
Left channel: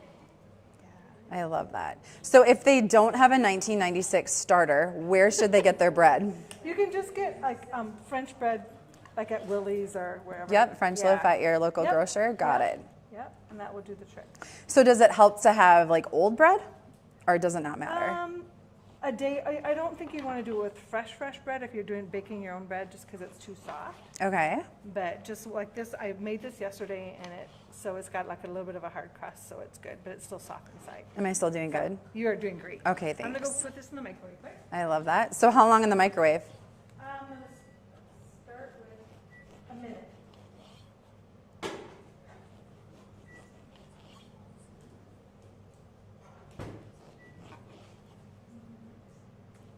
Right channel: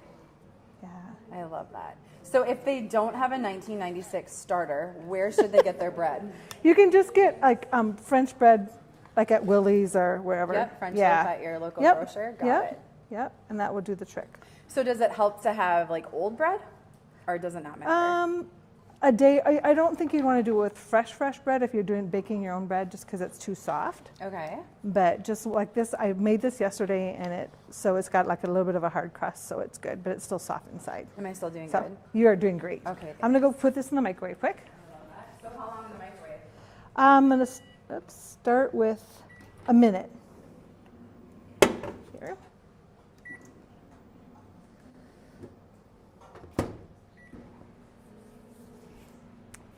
Yeah. I love that. So if they don't have a 1996 starter, where should they get their bread? You can just get like French bread, like at Willie's or wherever. Yep, French Yeah. loaf at your local Yep. grocer. Got Yep. it. Yep, and that will do the trick. So does it help to have like old bread, or does it not matter? A day. I don't think you want to do it with fresh bread if you're baking your own bread, just because it's too soft. Okay. But just like this, I made this yesterday, and it's got like a little bit of a hard crust, so it's good, but it's still soft inside. Am I still doing So good? you are doing great. Okay, I'm gonna go thanks. put this in the microwave quick. I love that. So how long in the microwave? I'm gonna let's start with a minute. Here.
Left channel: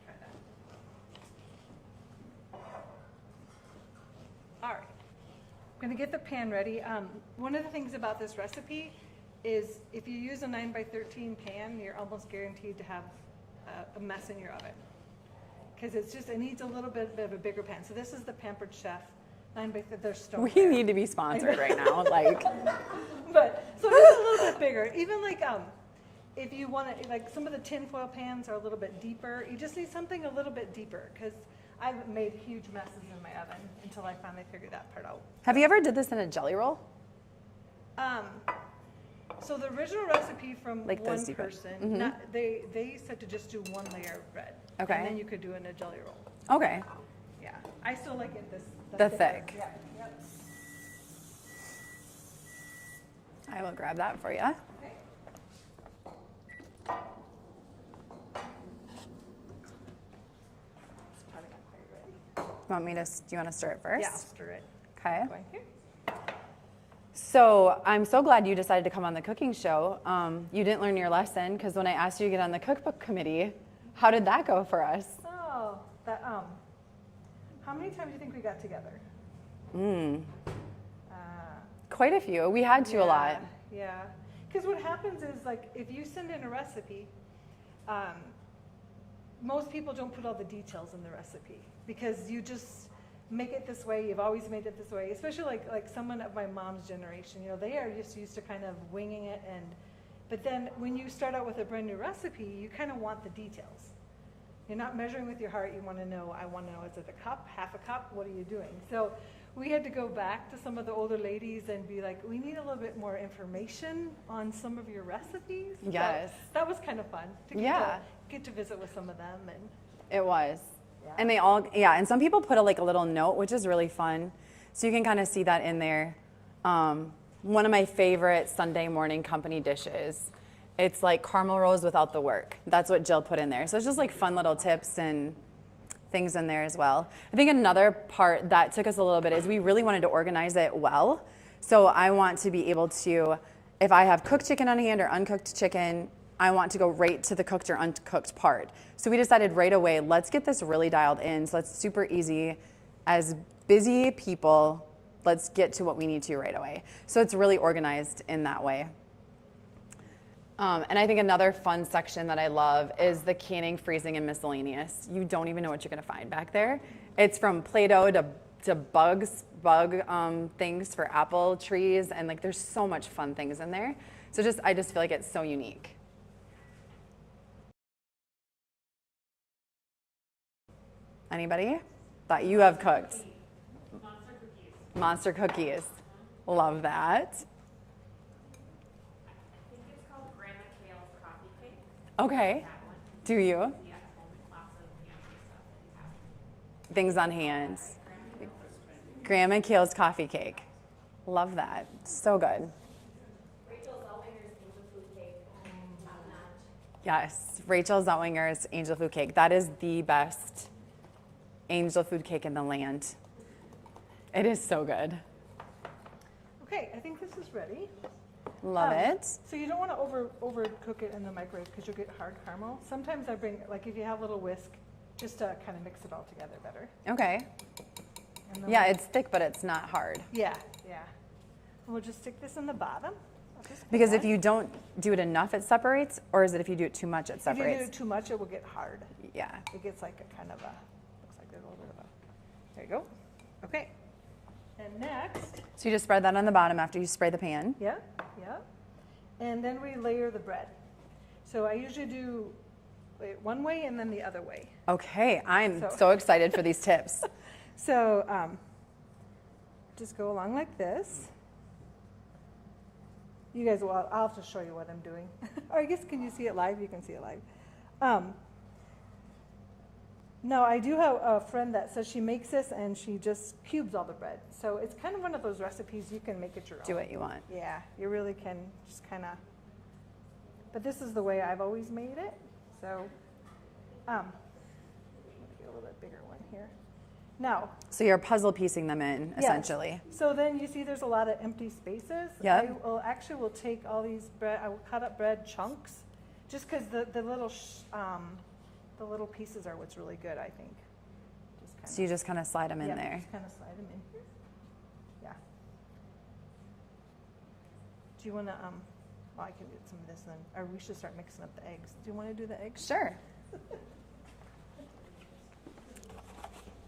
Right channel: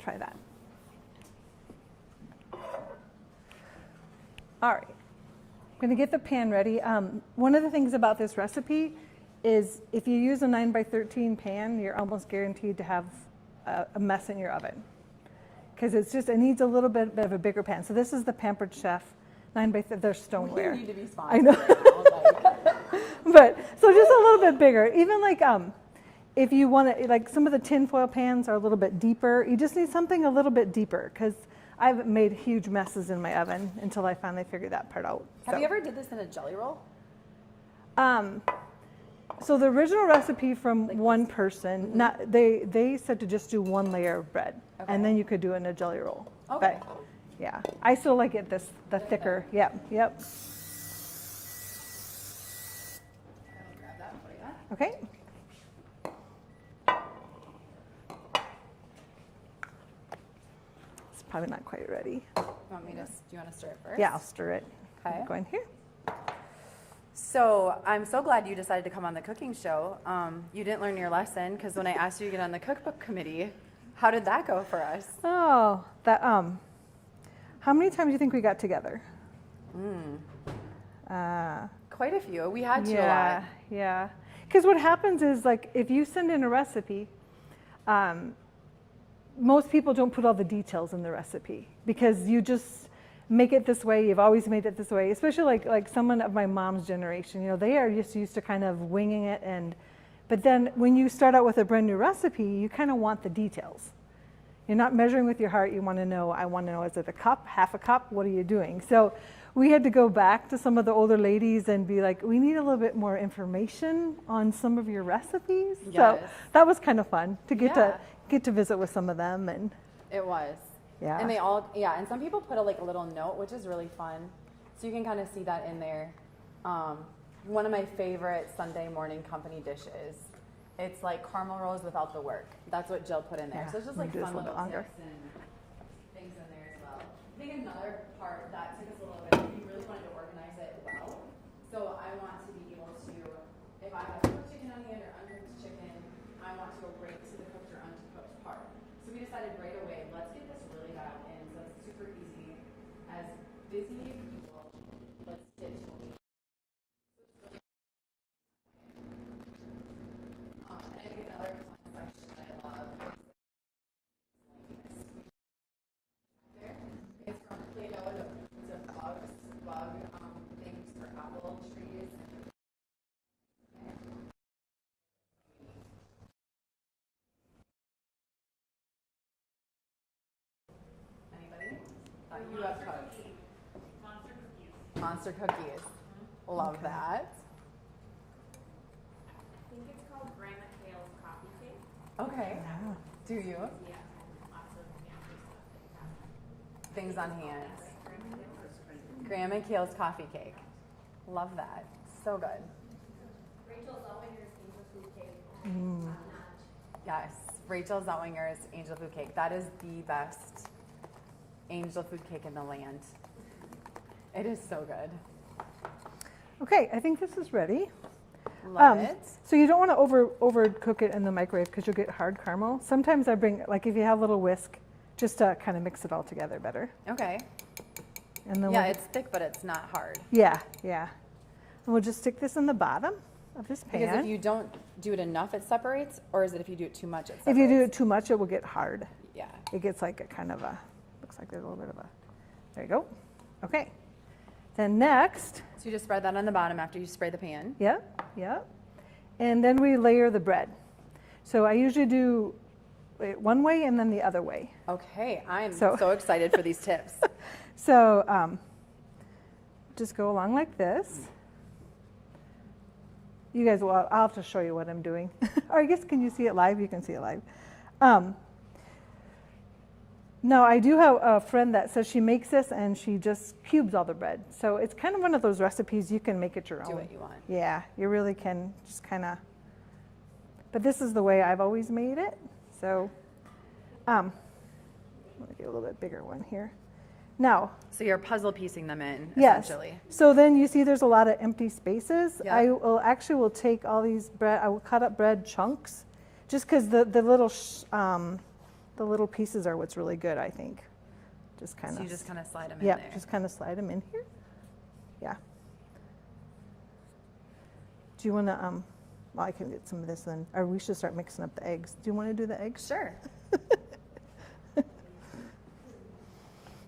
Try that. All right. I'm gonna get the pan ready. One of the things about this recipe is if you use a 9x13 pan, you're almost guaranteed to have a mess in your oven. Because it needs a little bit of a bigger pan. So this is the Pampered Chef 9x13, they're We stoneware. need to be sponsored right now. Like, But, so just a little bit bigger. Even like, if you want to, like some of the tinfoil pans are a little bit deeper. You just need something a little bit deeper because I've made huge messes in my oven until I finally figured that part out. have you ever did this in a jelly roll? So the original recipe from Like one those two. person, not, they said to just do one layer of bread. Okay. And then you could do it in a jelly roll. Okay. Yeah, I still like it the thicker. thick. Yep. I will grab that for you. Okay. It's probably not quite ready. Do you want to stir it first? Yeah, I'll stir it. Okay. Go in here. So I'm so glad you decided to come on the cooking show. You didn't learn your lesson because when I asked you to get on the cookbook committee, how did that go for us? Oh, that how many times do you think we got together? Quite a few. We had to a lot. Yeah. Because what happens is like if you send in a recipe, most people don't put all the details in the recipe because you just make it this way. You've always made it this way, especially like someone of my mom's generation. You know, they are just used to kind of winging it, but then when you start out with a brand new recipe, you kind of want the details. You're not measuring with your heart. You want to know. I want to know: is it a cup, half a cup? What are you doing? So we had to go back to some of the older ladies and be like, we need a little bit more information on some of your recipes. Yes. So that was kind of fun to Yeah. get to visit with some of them and. It was. Yeah. And and some people put a little note, which is really fun. So you can kind of see that in there. One of my favorite Sunday morning company dishes. It's like caramel rolls without the work. That's what Jill put in there. So it's just like fun little tips and things in there as well. I think another part that took us a little bit is we really wanted to organize it well. So I want to be able to, if I have cooked chicken on hand or uncooked chicken, I want to go right to the cooked or uncooked part. So we decided right away, let's get this really dialed in so it's super easy. As busy people, let's get to what we need to right away. So it's really organized in that way. And I think another fun section that I love is the canning, freezing, and miscellaneous. You don't even know what you're going to find back there. It's from Play-Doh to bug things for apple trees, and like there's so much fun things in there. So I just feel like it's so unique. Anybody that you have cooked? Monster cookies. Love that. Okay. Do you? Yeah. Things on hand. Grandma Kale's coffee cake. Love that. So good. Yes, Rachel Zellwinger's angel food cake. That is the best angel food cake in the land. It is so good. Okay, I think this is ready. Love it. So you don't want to overcook it in the microwave because you'll get hard caramel. Sometimes I bring, like if you have a little whisk, just to kind of mix it all together better. Okay. And then Yeah, it's thick, but it's not hard. Yeah, yeah. And we'll just stick this in the bottom of this pan. Because if you don't do it enough, it separates, or is it if you do it too much, it If separates? you do it too much, it will get hard. Yeah. It gets like a kind of a, looks like there's a little bit of a, there you go. Okay. Then next, So you just spread that on the bottom after you spray the pan. yeah, yeah. And then we layer the bread. So I usually do it one way and then the other way. Okay, I'm So- so excited for these tips. So just go along like this. You guys will, I'll have to show you what I'm doing. Or I guess, can you see it live? You can see it live. Now, I do have a friend that says she makes this and she just cubes all the bread. So it's kind of one of those recipes you can make it your own. Do what you want. Yeah, you really can just kind of, but this is the way I've always made it. So let me do a little bit bigger one here. Now, So you're puzzle piecing them in, yes. essentially. So then you see there's a lot of empty spaces. Yeah. I will take all these bread, I will cut up bread chunks, just because the little pieces are what's really good, I think. Just kind of. So you just kind of slide them in yeah, there. just kind of slide them in here. Yeah. Do you want to, well, I can get some of this then, or we should start mixing up the eggs. Do you want to do the eggs? Sure.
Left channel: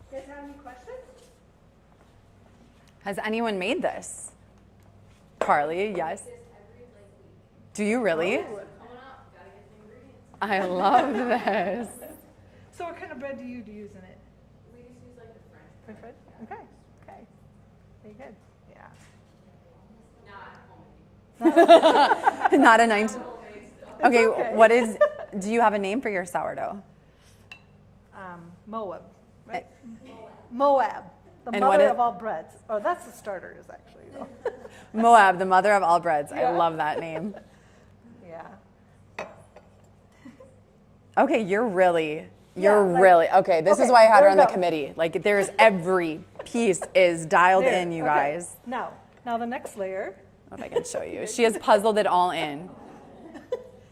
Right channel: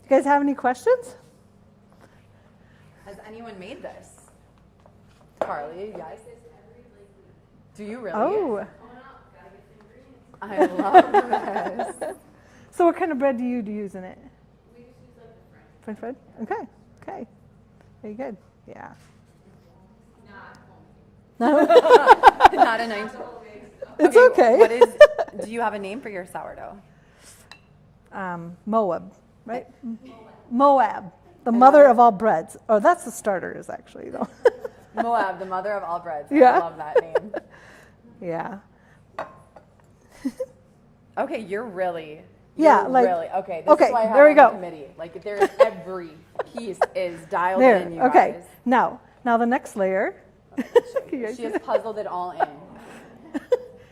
You guys have any questions? Has anyone made this? Carly, yes. Do you really? Oh. I love this. So what kind of bread do you use in it? We just use like the French bread. Okay, okay. Very good. Yeah. Not a 19. It's okay. What is? Do you have a name for your sourdough? Moab, right? Moab, the And mother what of all breads. Oh, that's the starters actually, though. Moab, the mother of all breads. I Yeah. love that name. Yeah. Okay, you're really. Yeah, You're like- really okay. This okay, is why I have there her we on the go. committee. Like, there is every piece is dialed There. in, you Okay. guys. Now the next layer, If I can show you, she has puzzled it all in.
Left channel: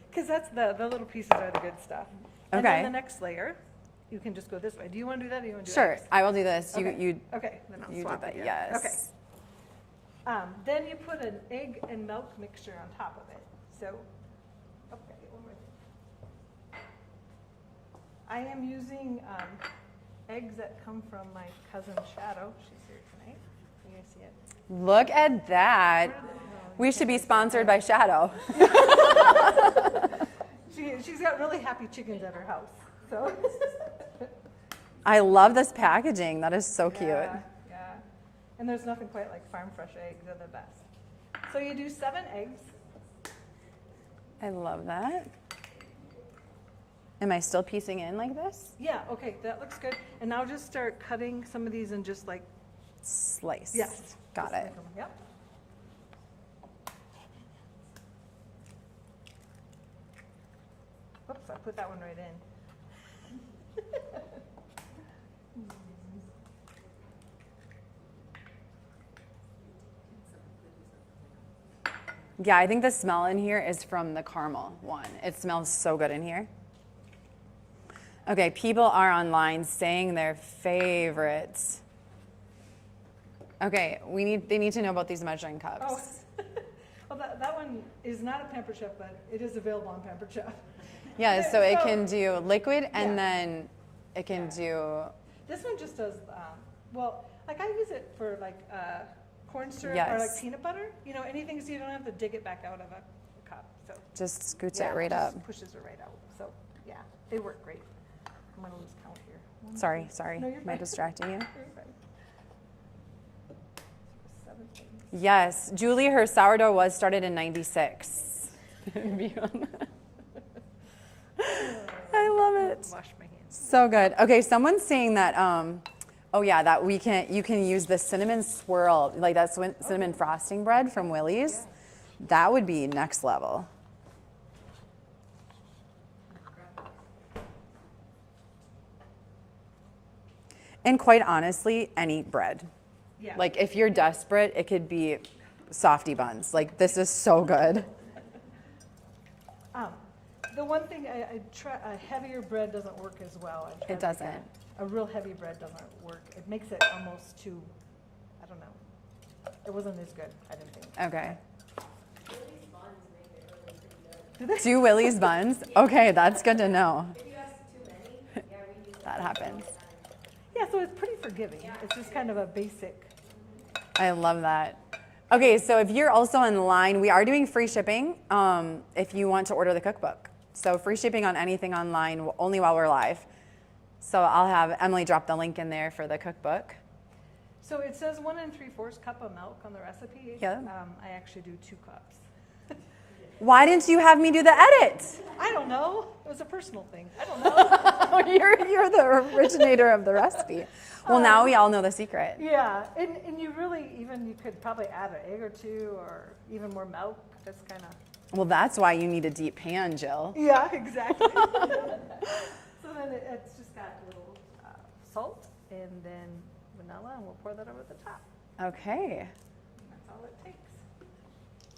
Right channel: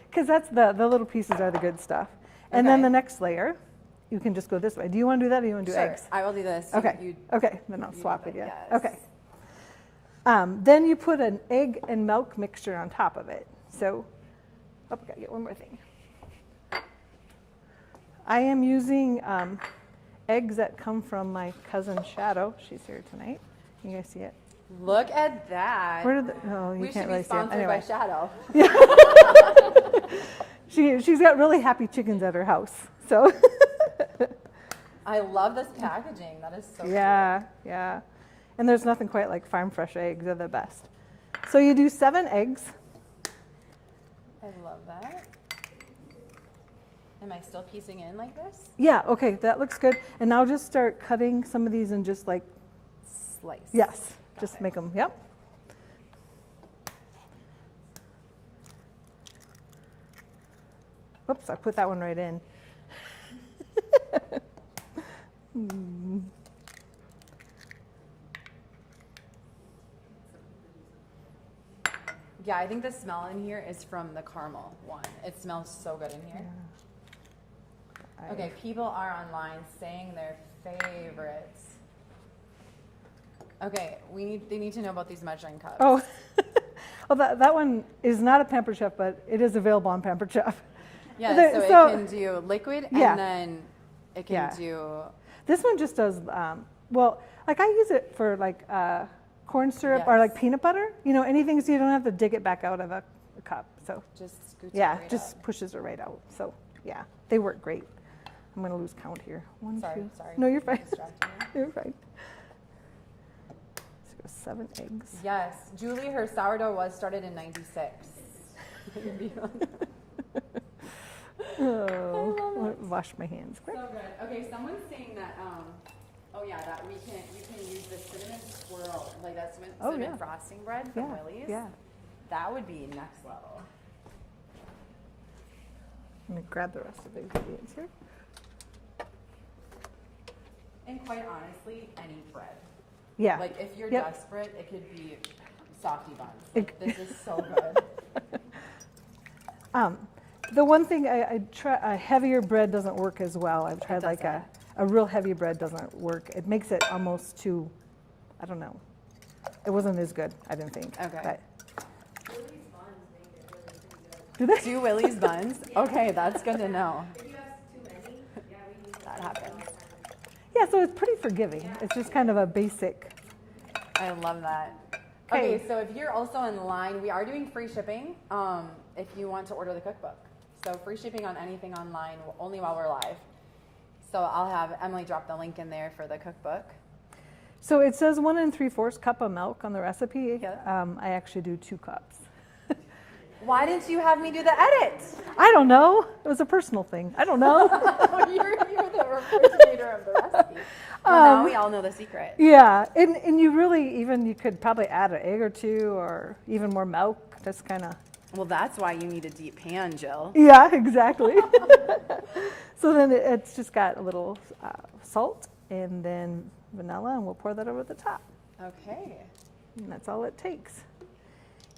because that's the little pieces are the good stuff. And then Okay. the next layer, you can just go this way. Do you want to do that, or do you want to do Sure, eggs? I will do this. Okay. You Okay. Then I'll you swap do it. the- Yeah. yes. Okay. Then you put an egg and milk mixture on top of it. So, oh, gotta get one more thing. I am using eggs that come from my cousin Shadow. She's here tonight. You guys see it? Look at that. Where did the, oh, you We can't should be really see it. sponsored by Anyway. Shadow. She's got really happy chickens at her house. So I love this packaging. That is so yeah, yeah. And there's nothing quite like farm fresh eggs. They're the best. So you do 7 eggs. cute. I love that. Am I still piecing in like this? Yeah, okay, that looks good. And now just start cutting some of these and just like, Slice. yes, Got just it. make them, yep. Whoops, I put that one right in. Yeah, I think the smell in here is from the caramel one. It smells so good in here. Okay, people are online saying their favorites. Okay, they need to know about these measuring cups. Oh, well, that one is not a Pampered Chef, but it is available on Pampered Chef. Yeah, There- so it so- can do liquid Yeah. and then it can Yeah. do, This one just does, well, like I use it for like corn syrup or like Yes. peanut butter, you know, anything so you don't have to dig it back out of a cup. So just scoots yeah, it right just up. pushes it right out. So yeah, they work great. I'm gonna lose count here. One, Sorry, two- sorry. No, you're I'm fine. distracting you. You're fine. So 7 eggs. Yes, Julie, her sourdough was started in 96. I love it. Wash my hands. So good. Okay, someone's saying that, oh yeah, that you can use the cinnamon swirl, like that cinnamon yeah. frosting bread from Yeah, Willie's. yeah. That would be next level. I'm gonna grab the rest of the ingredients here. And quite honestly, any bread. Yeah. Like if you're Yep. desperate, it could be softy buns. Like this is so good. The one thing I try, a heavier bread doesn't work as well. I've tried like doesn't. a real heavy bread doesn't work. It makes it almost too, I don't know. It wasn't as good, I didn't think. Okay. But- Willie's buns make it really pretty good. do they? Do Willie's buns? Okay, that's good to know. If you ask too many, yeah, we use That happens. Yeah, so it's pretty forgiving. It's just kind of a basic. I love that. Okay, so if you're also in line, we are doing free shipping if you want to order the cookbook. So free shipping on anything online only while we're live. So I'll have Emily drop the link in there for the cookbook. So it says 1 3/4 cup of milk on the recipe. Yeah. I actually do 2 cups. Why didn't you have me do the edit? I don't know. It was a personal thing. I don't know. you're the originator of the recipe. Well, now we all know the secret. Yeah, and you really you could probably add an egg or 2 or even more milk. Just kind of. Well, that's why you need a deep pan, Jill. Yeah, exactly. So then it's just got a little salt and then vanilla, and we'll pour that over the top. Okay. And that's all it takes.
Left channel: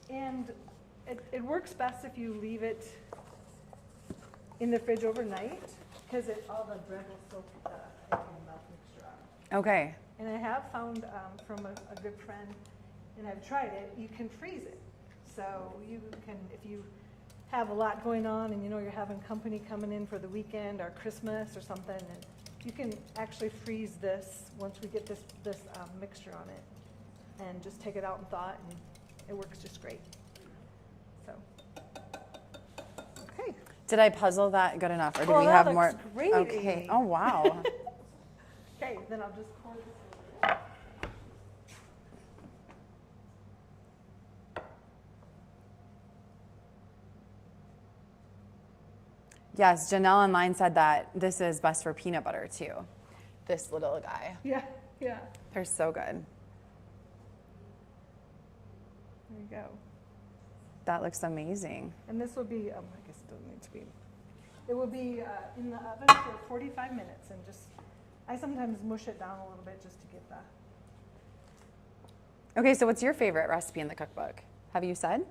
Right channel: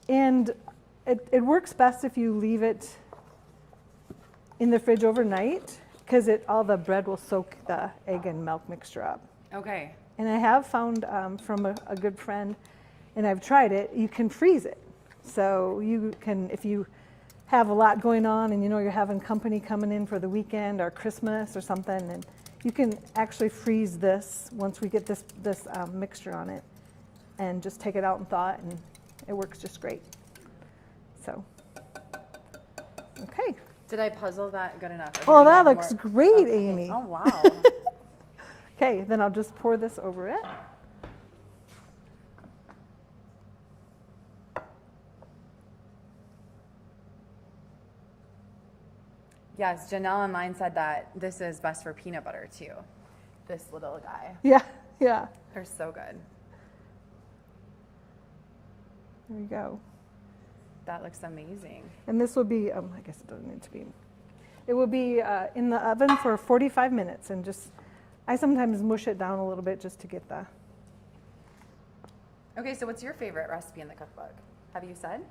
And it works best if you leave it in the fridge overnight, because all the bread will soak the egg and milk mixture up. Okay. And I have found from a good friend, and I've tried it, you can freeze it. So you can, if you have a lot going on and you know you're having company coming in for the weekend or Christmas or something, and you can actually freeze this once we get this mixture on it, and just take it out and thaw it, and it works just great. So, okay. Did I puzzle that good enough? Or do Oh, we that have looks more? great, Okay. Amy. Oh, wow. Okay, then I'll just pour this over it. Yes, Janelle online said that this is best for peanut butter too. This little guy. Yeah, yeah. They're so good. There you go. That looks amazing. And this will be, I guess it doesn't need to be. It will be in the oven for 45 minutes, and I sometimes mush it down a little bit just to get the. Okay, so what's your favorite recipe in the cookbook? Have you said?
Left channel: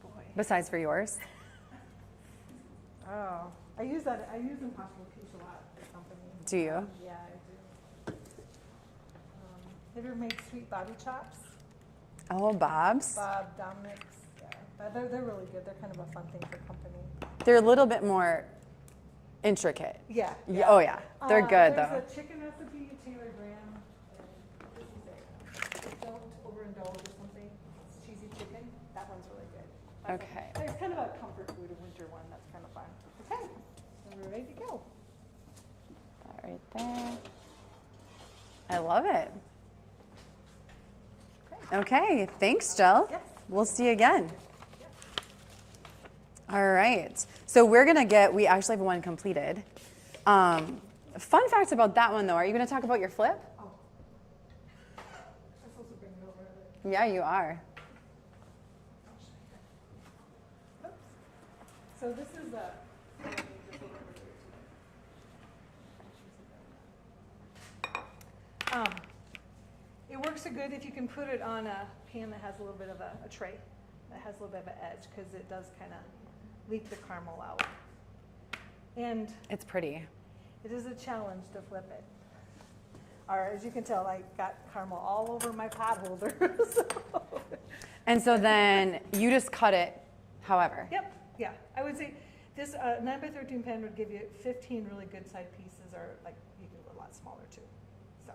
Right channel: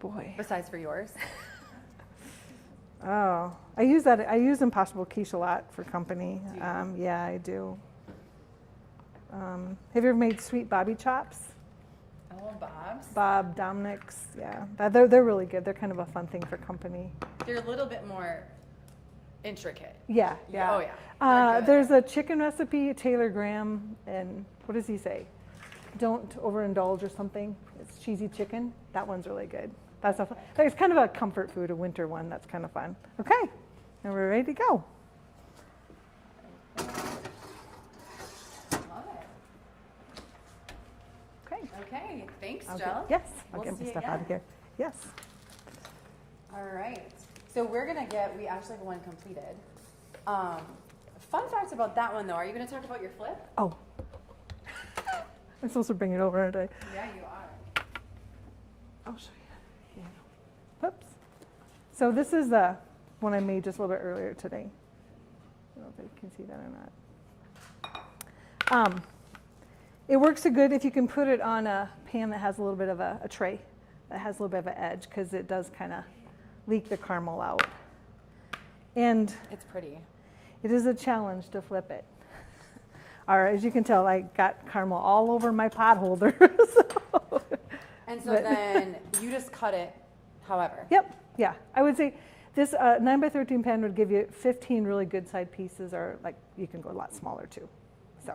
Boy. Besides for yours? Oh, I use Impossible Quiche a lot for company. Do you? Yeah, I do. Have you ever made sweet Bobby chops? Oh, Bob's. Bob, Dominic's, yeah. They're really good. They're kind of a fun thing for company. They're a little bit more intricate. Yeah. Yeah, oh yeah, they're good. There's though. a chicken recipe, Taylor Graham, and what does he say? Don't overindulge or something. It's cheesy chicken. That one's really good. That's Okay. it's kind of a comfort food, a winter one. That's kind of fun. Okay, now we're ready to go. Right there. I love it. Okay. Okay, thanks, Jill. Yes. We'll get see my you stuff out again. here. Yes. All right. So we actually have one completed. Fun fact about that one though, are you going to talk about your flip? Oh. I'm supposed to bring it over, aren't I? Yeah, you are. I'll show you. Yeah. Whoops. So this is the one I made just a little bit earlier today. I don't know if you can see that or not. It works so good if you can put it on a pan that has a little bit of a tray that has a little bit of an edge, because it does kind of leak the caramel out. And It's pretty. it is a challenge to flip it. Or as you can tell, I got caramel all over my pot holder. So. And so then you just cut it however. Yep, yeah. I would say this 9x13 pan would give you 15 really good side pieces, or like you can go a lot smaller too. So,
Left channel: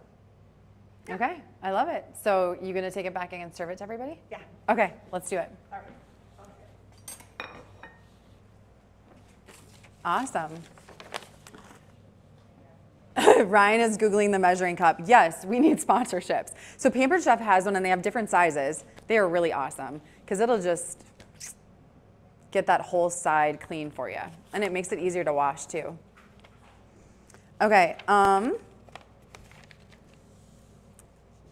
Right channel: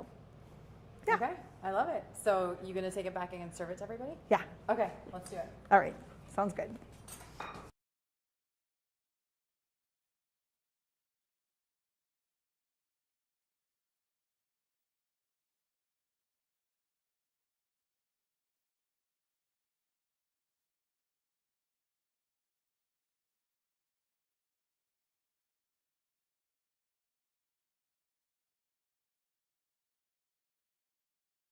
yeah. Okay, I love it. So you going to take it back and serve it to everybody? yeah. Okay, let's do it. All right, sounds good. Awesome. Ryan is Googling the measuring cup. Yes, we need sponsorships. So Pampered Chef has one and they have different sizes. They are really awesome because it'll just get that whole side clean for you. And it makes it easier to wash too. Okay,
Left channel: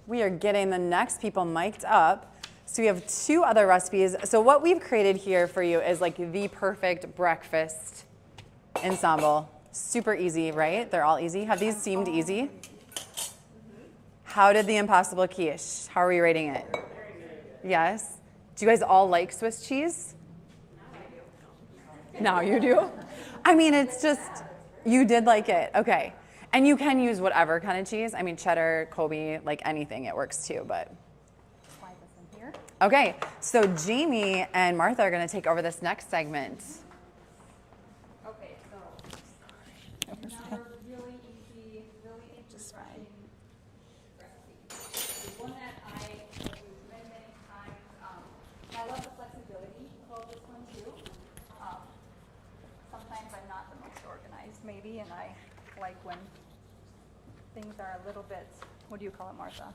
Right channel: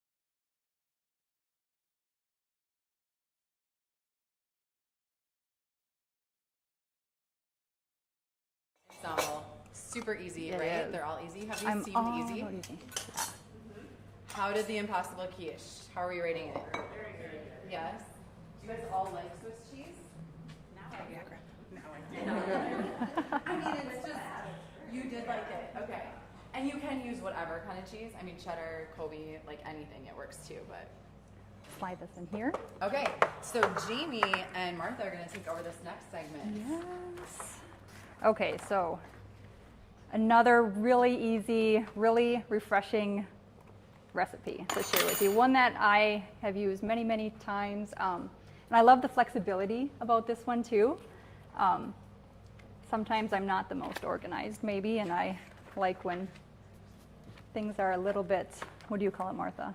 we are getting the next people mic'd up. So we have 2 other recipes. So what we've created here for you is like the perfect breakfast ensemble. Super easy, right? They're all easy. Have these seemed easy? How did the Impossible quiche? How are we rating it? Yes. Do you guys all like Swiss cheese? Now you do? I mean, it's just, you did like it. Okay. And you can use whatever kind of cheese. I mean, cheddar, Kobe, like anything, it works too, but. Slide this in here. Okay, so Jamie and Martha are gonna take over this next segment. Okay, so another really easy, really refreshing recipe to share with you. One that I have used many, many times. And I love the flexibility about this one too. Sometimes I'm not the most organized maybe, and I like when things are a little bit, what do you call it, Martha?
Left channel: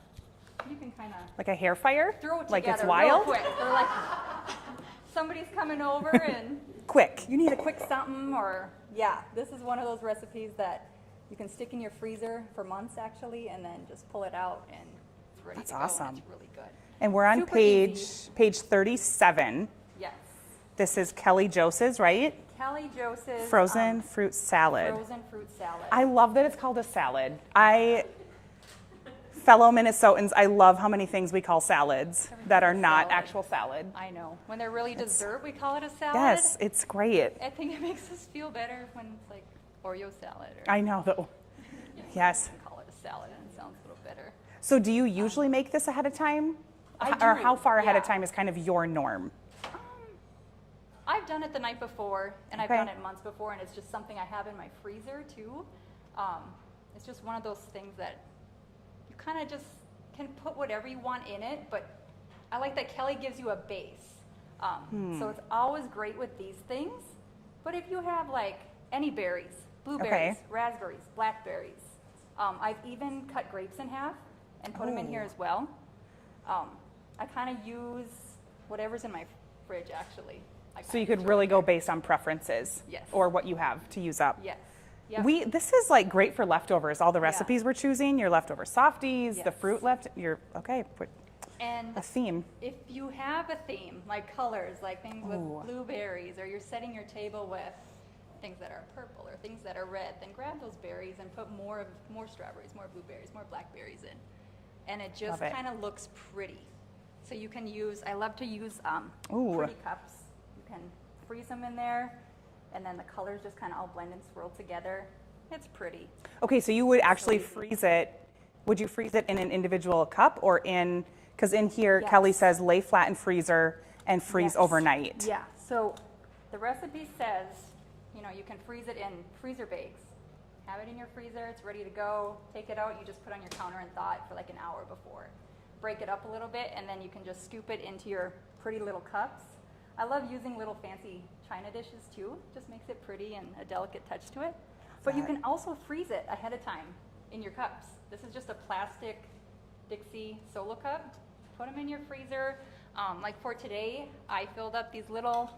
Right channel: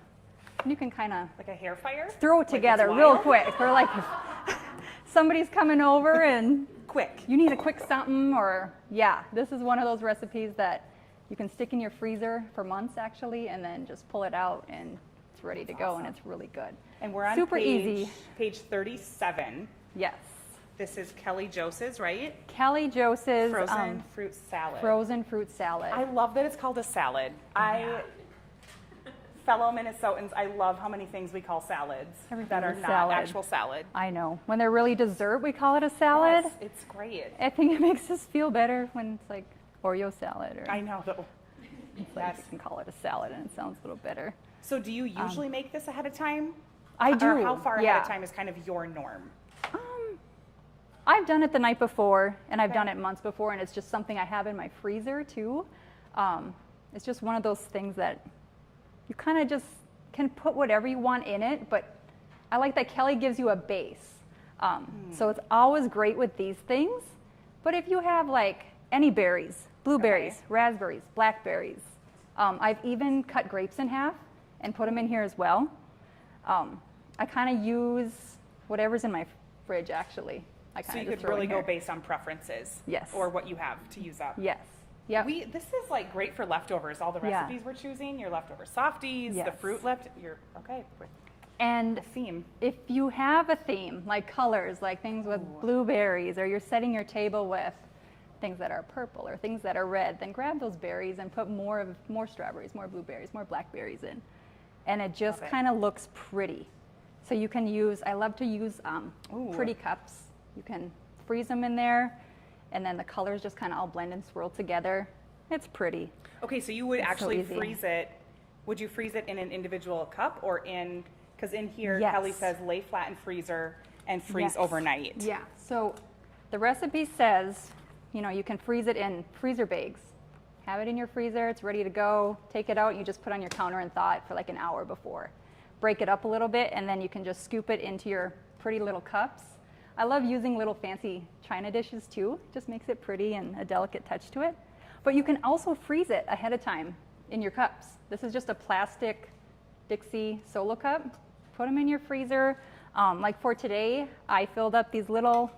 You can kind of Like a hair fire? throw it Like together it's real wild? quick. Or like somebody's coming over and Quick. you need a quick something, or yeah, this is one of those recipes that you can stick in your freezer for months actually, and then just pull it out and it's ready That's to go, awesome. and it's really good. And we're on Super page easy. 37. Yes. This is Kelly Jose's, right? Kelly Jose's Frozen fruit salad. frozen fruit salad. I love that it's called a salad. Fellow Minnesotans, I love how many things we call salads that are Everything's not salad. actual salad. I know. When they're really dessert, we call it a salad. Yes, it's great. I think it makes us feel better when it's like Oreo salad, or I know though. Yes. you can call it a salad and it sounds a little better. So do you usually make this ahead of time? I do. Or how far ahead of yeah. time is kind of your norm? I've done it the night before, and I've Okay. done it months before, and it's just something I have in my freezer too. It's just one of those things that you kind of just can put whatever you want in it, but I like that Kelly gives you a base. So it's always great with these things, but if you have like any berries, blueberries, Okay. raspberries, blackberries, I've even cut grapes in half and put them in here as well. I kind of use whatever's in my fridge actually. I So kinda you just could throw really in go here. based on preferences. Yes. Or what you have to use up. Yes. Yeah. This is like great for leftovers. All the Yeah. recipes we're choosing, your leftover softies, the Yes. fruit left, okay, And a theme. if you have a theme, like colors, like things with blueberries, or you're setting your table with things that are purple or things that are red, then grab those berries and put more strawberries, more blueberries, more blackberries in. And it just Love it. kind of looks pretty. So you can use, I love to use Ooh. pretty cups. You can freeze them in there, and then the colors just kind of all blend and swirl together. It's pretty. Okay, so you would actually easy. freeze it. Would you freeze it in an individual cup or in, because in here Yes. Kelly says lay flat in freezer and freeze Yes. overnight. Yeah, so the recipe says, you can freeze it in freezer bags. Have it in your freezer, it's ready to go. Take it out, you just put it on your counter and thaw it for like an hour before. Break it up a little bit, and then you can just scoop it into your pretty little cups. I love using little fancy china dishes too. It just makes it pretty and a delicate touch to it. But you can also freeze it ahead of time in your cups. This is just a plastic Dixie solo cup. Put them in your freezer. Like for today, I filled up these little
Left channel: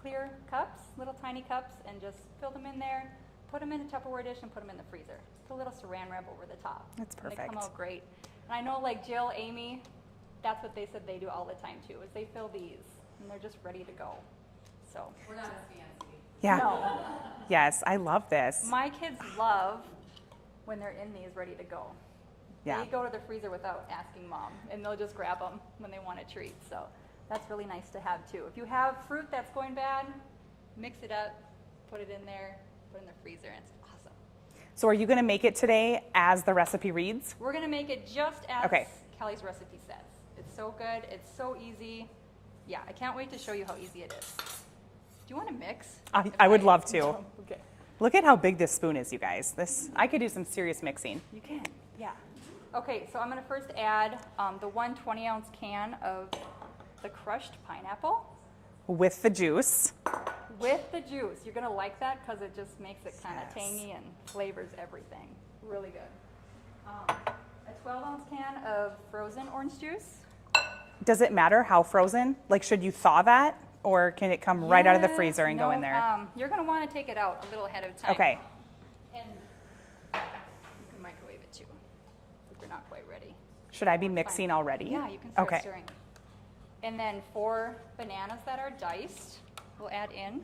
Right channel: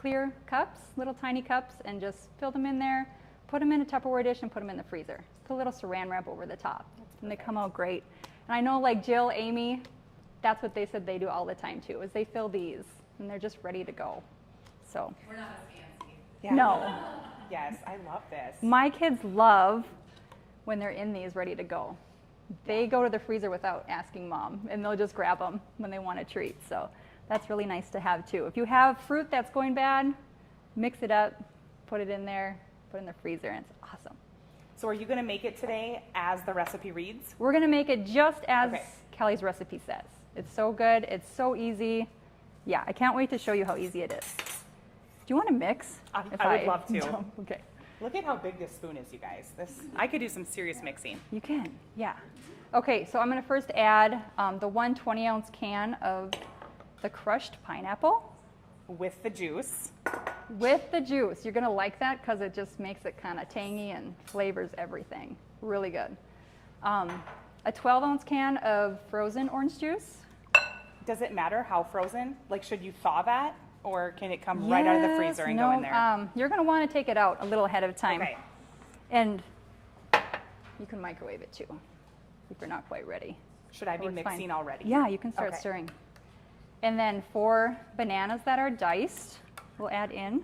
clear cups, little tiny cups, and just filled them in there. Put them in a Tupperware dish and put them in the freezer. Put a little saran wrap over the top. That's And they come perfect. out great. And I know like Jill, Amy, that's what they said they do all the time too, is they fill these and they're just ready to go. So, We're not as fancy. Yeah. no. Yes, I love this. My kids love when they're in these ready to go. They Yeah. go to the freezer without asking mom, and they'll just grab them when they want a treat. So that's really nice to have too. If you have fruit that's going bad, mix it up, put it in there, put it in the freezer, and it's awesome. So are you going to make it today as the recipe reads? We're gonna make it just as Okay. Kelly's recipe says. It's so good, it's so easy. Yeah, I can't wait to show you how easy it is. Do you want to mix? If I would love to. Okay. Look at how big this spoon is, you guys. I could do some serious mixing. You can, yeah. Okay, so I'm gonna first add the 1 20-ounce can of the crushed pineapple With the juice. with the juice. You're gonna like that because it just makes it kind of tangy and flavors everything. Really good. A 12-ounce can of frozen orange juice. Does it matter how frozen? Like, should you thaw that? Or can it come right out of the Yes, freezer and go in no, there? You're gonna wanna take it out a little ahead of time. Okay. And you can microwave it too if you're not quite ready. Should I be Oh, it's fine. mixing already? Yeah, you can start Okay. stirring. And then 4 bananas that are diced, we'll add in.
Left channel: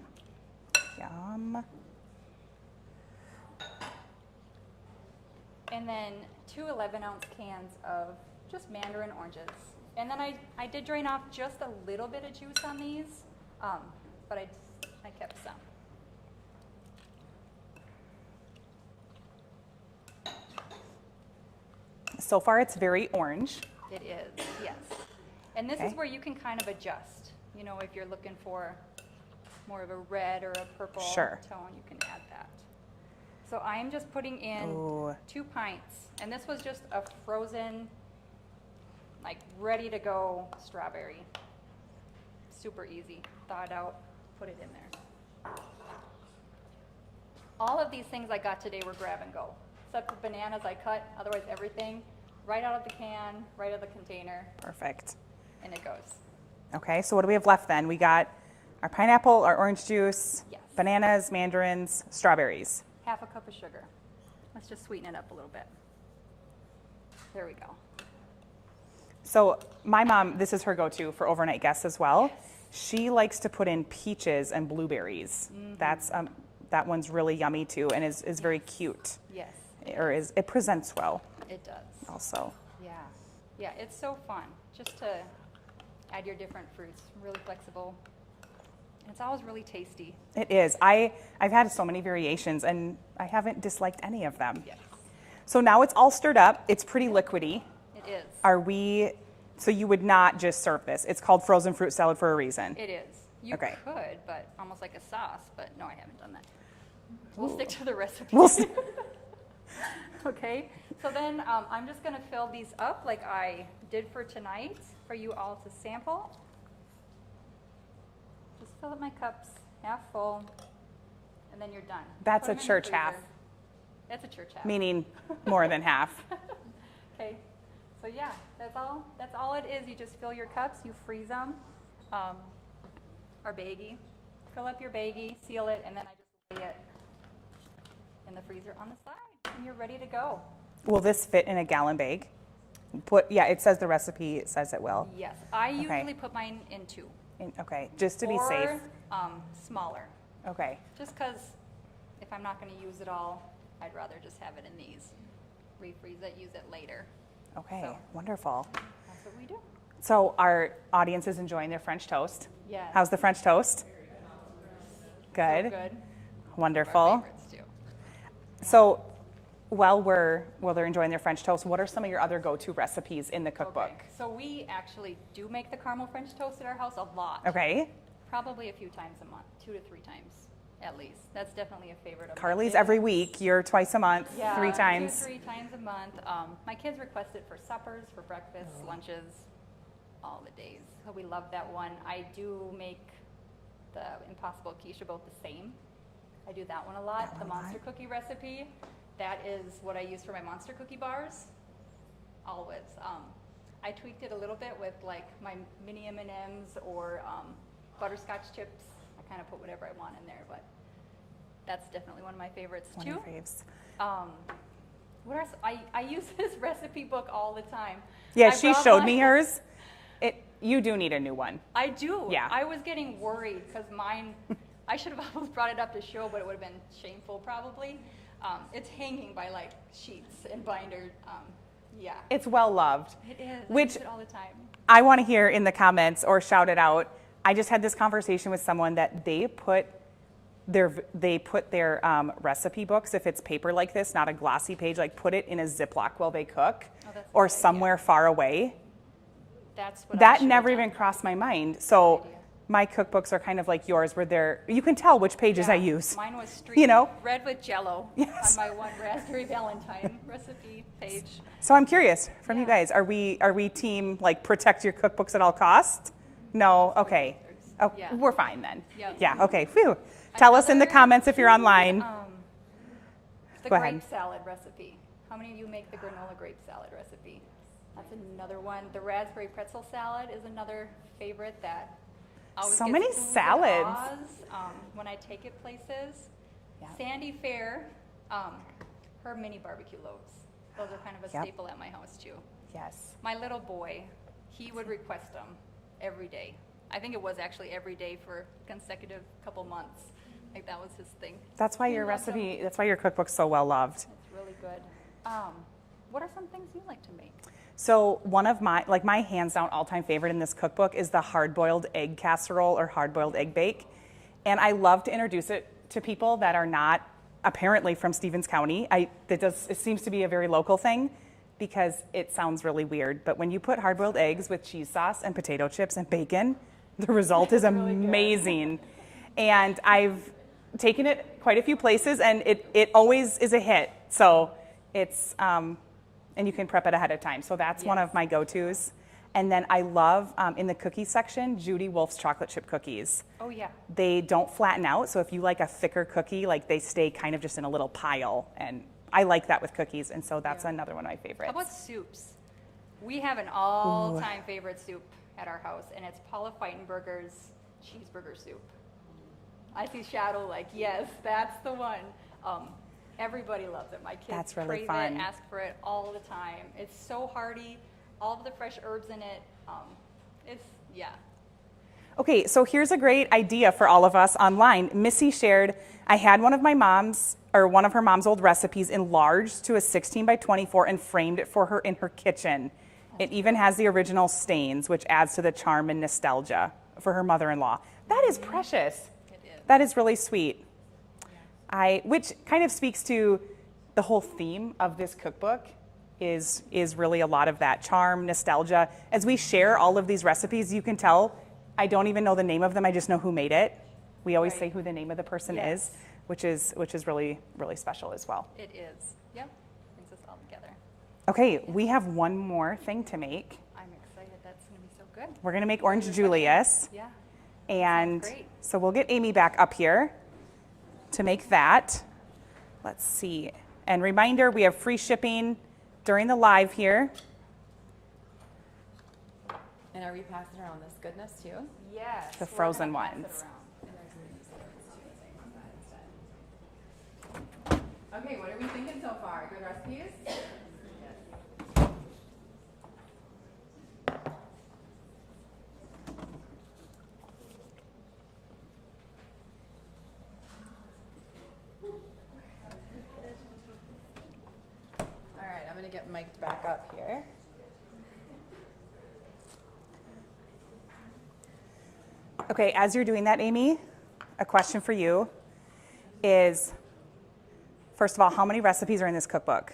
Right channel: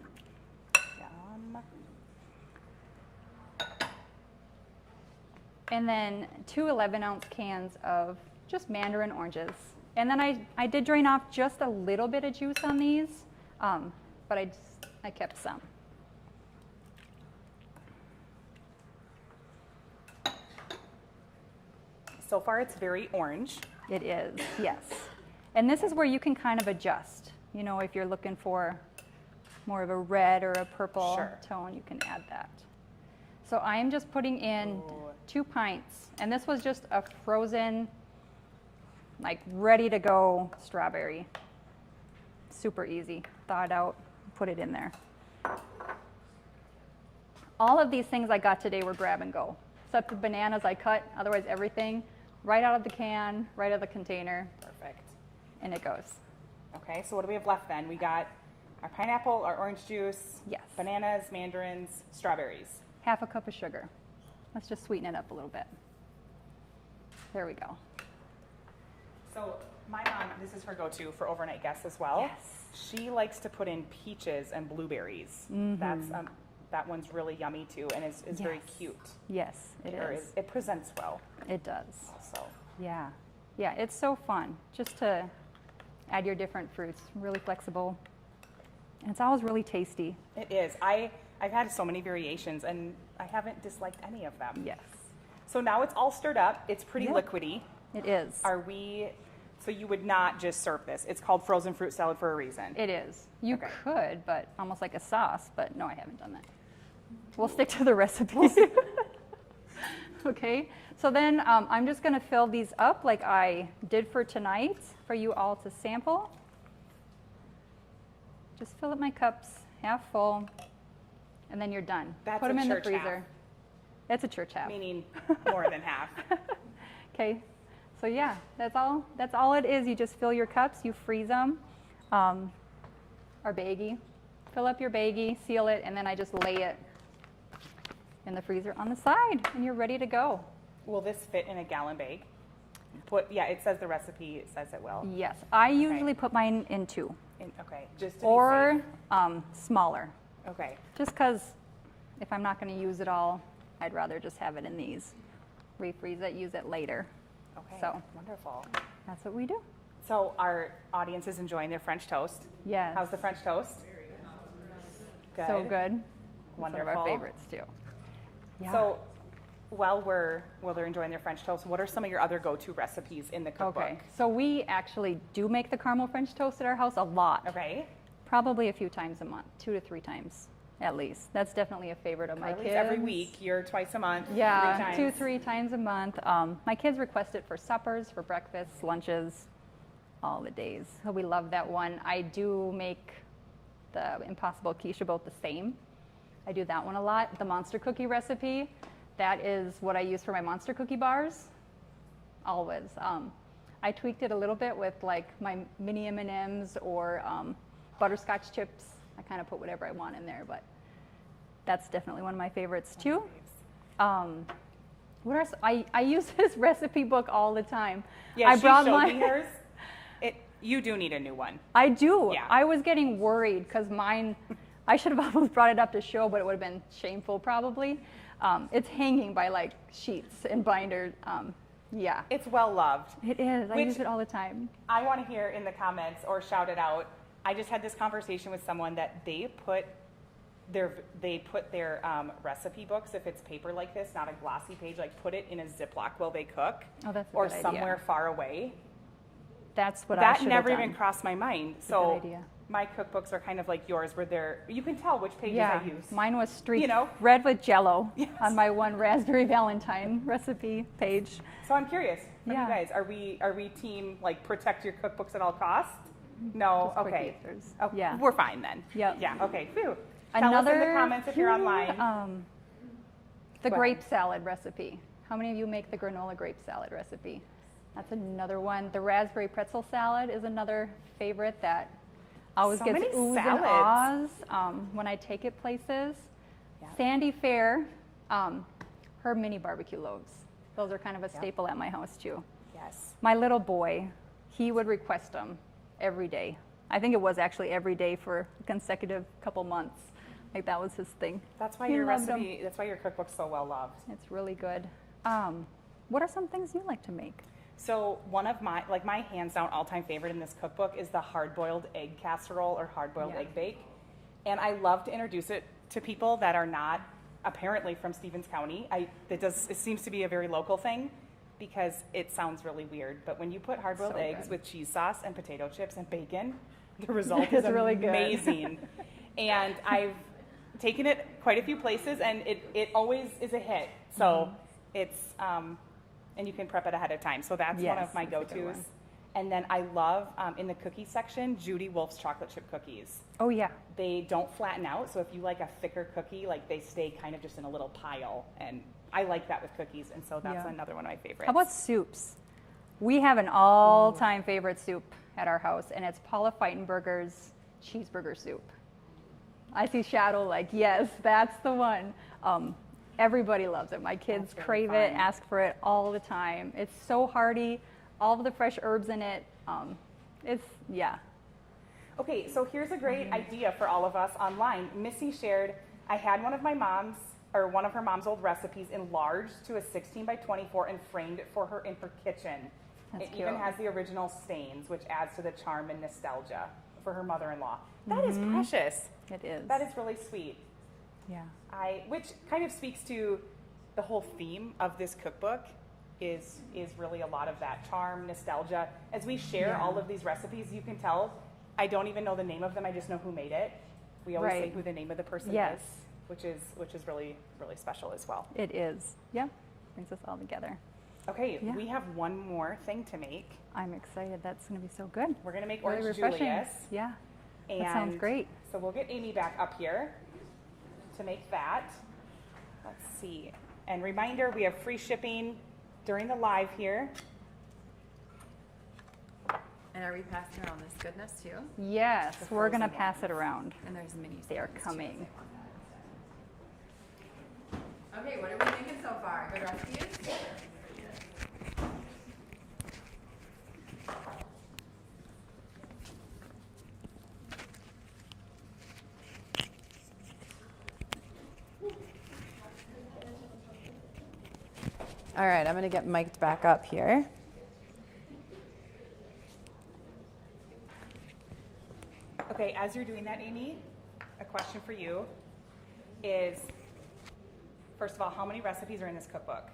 Yum. And then 2 11-ounce cans of just mandarin oranges. And then I did drain off just a little bit of juice on these, but I kept some. So far, it's very orange. It is, yes. And this is Okay. where you can kind of adjust. You know, if you're looking for more of a red or a purple Sure. tone, you can add that. So I am just putting in Ooh. 2 pints. And this was just a frozen, like ready to go strawberry. Super easy. Thaw it out, put it in there. All of these things I got today were grab and go. Except for bananas I cut, otherwise everything right out of the can, right out of the container, Perfect. and it goes. Okay, so what do we have left then? We got our pineapple, our orange juice, Yes. bananas, mandarins, strawberries. 1/2 cup of sugar. Let's just sweeten it up a little bit. There we go. So my mom, this is her go-to for overnight guests as well. She likes to put in peaches and blueberries. That's that one's really yummy too, and is very cute. Yes, It presents well it does. also. Yeah. Yeah, it's so fun just to add your different fruits. Really flexible. And it's always really tasty. It is. I've had so many variations, and I haven't disliked any of them. Yes. So now it's all stirred up. It's pretty liquidy. It is. So you would not just serve this. It's called frozen fruit salad for a reason. It is. You Okay. could, but almost like a sauce, but no, I haven't done that. We'll stick to the recipe. Okay, so then I'm just gonna fill these up like I did for tonight for you all to sample. Just fill up my cups half full, and then you're done. That's Put 'em a in the church half. freezer. It's a church half. Meaning more than half. Okay, so yeah, that's all it is. You just fill your cups, you freeze them, our baggie. Fill up your baggie, seal it, and then I just lay it in the freezer on the side, and you're ready to go. Will this fit in a gallon bag? It says the recipe, it says it will. Yes, I usually put mine in 2 Okay, just to be or safe. Smaller, Okay. just because if I'm not going to use it all, I'd rather just have it in these. Refreeze it, use it later. Okay, So. wonderful. That's what we do. So our audience is enjoying their French toast. Yes. How's the French toast? Good. So good. Wonderful. Some of our favorites too. So while they're enjoying their French toast, what are some of your other go-to recipes in the cookbook? Okay, so we actually do make the caramel French toast at our house a lot. Okay. Probably a few times a month, 2 to 3 times at least. That's definitely a favorite of my Carly's kids. every week. You're twice a month, Yeah, 3 times. 2, 3 times a month. My kids request it for suppers, for breakfasts, lunches, all the days. So we love that one. I do make the Impossible quiche about the same. I do that one a lot. The monster cookie recipe, that is what I use for my monster cookie bars. Always. I tweaked it a little bit with like my mini M&Ms or butterscotch chips. I kind of put whatever I want in there, but that's definitely one of my favorites One too. of your faves. What else? I use this recipe book all the time. Yeah, I she brought showed mine- me hers. You do need a new one. I do. Yeah. I was getting worried because mine, I should have almost brought it up to show, but it would have been shameful probably. It's hanging by like sheets and binder. Yeah, It's well loved. it is. I Which- use it all the time. I want to hear in the comments or shout it out. I just had this conversation with someone that they put their recipe books, if it's paper like this, not a glossy page, like put it in a Ziploc while they cook, Oh, that's a or good idea. somewhere far away. That's what I That should have never even done. crossed my mind. So idea. my cookbooks are kind of like yours, where you can tell which pages I Yeah, use. Mine was streaked You know? red with Jello Yes. on my one raspberry Valentine recipe page. So I'm curious from you Yeah. guys, are we team like protect your cookbooks at all costs? No, okay. producers. Oh, Yeah. We're fine then. Yep. Yeah, okay. Phew. Tell us in the Another comments if you're two, online. The Go grape ahead. salad recipe. How many of you make the granola grape salad recipe? That's another one. The raspberry pretzel salad is another favorite that always So gets many oohs and salads. ahs, when I take it places. Sandy Fair, her mini barbecue loaves. Those are kind of a Yep. staple at my house too. Yes. My little boy, he would request them. every day. I think it was actually every day for a consecutive couple months. Like that was his thing. That's why He your loved 'em. recipe, that's why your cookbook's so well loved. It's really good. What are some things you like to make? So one of my hands down all-time favorite in this cookbook is the hard-boiled egg casserole or hard-boiled egg bake. And I love to introduce it to people that are not apparently from Stevens County. It seems to be a very local thing because it sounds really weird. But when you put hard-boiled eggs with cheese sauce and potato chips and bacon, the result is really good. amazing. And I've taken it quite a few places and it always is a hit. So it's, and you can prep it ahead of time. So that's one Yes. of my go-tos. And then I love, in the cookie section, Judy Wolf's chocolate chip cookies. Oh yeah. They don't flatten out, so if you like a thicker cookie, like they stay kind of just in a little pile. And I like that with cookies, and so that's Yeah. another one of my favorites. How about soups? We have an all-time favorite soup at our house, and it's Paula Feitenberger's cheeseburger soup. I see Shadow like, yes, that's the one. Everybody loves it. My kids That's really crave fun. it, ask for it all the time. It's so hearty, all of the fresh herbs in it. Yeah. Okay, so here's a great idea for all of us online. Missy shared, I had one of her mom's old recipes enlarged to a 16 by 24 and framed it for her in her kitchen. It even has the original stains, which adds to the charm and nostalgia for her mother-in-law. That is precious. It is. That is really sweet. Yeah. Which kind of speaks to the whole theme of this cookbook is really a lot of that charm, nostalgia. As we share all of these recipes, you can tell I don't even know the name of them. I just know who made it. We always Right. say who the name of the person Yes. is, which is really, really special as well. It is. Yep. Brings us all together. Okay, Yeah. we have one more thing to make. I'm excited. That's going to be so good. We're gonna make Very Orange refreshing. Julius. Yeah. And great. so we'll get Amy back up here to make that. Let's see. And reminder, we have free shipping during the live here. And are we passing around this goodness too? Yes. The We're going frozen to pass it ones. around. And there's mini. They are coming. Okay, what are we thinking so far? Good recipes? All right, I'm gonna get mic'd back up here. Okay, as you're doing that, Amy, a question for you is, first of all, how many recipes are in this cookbook?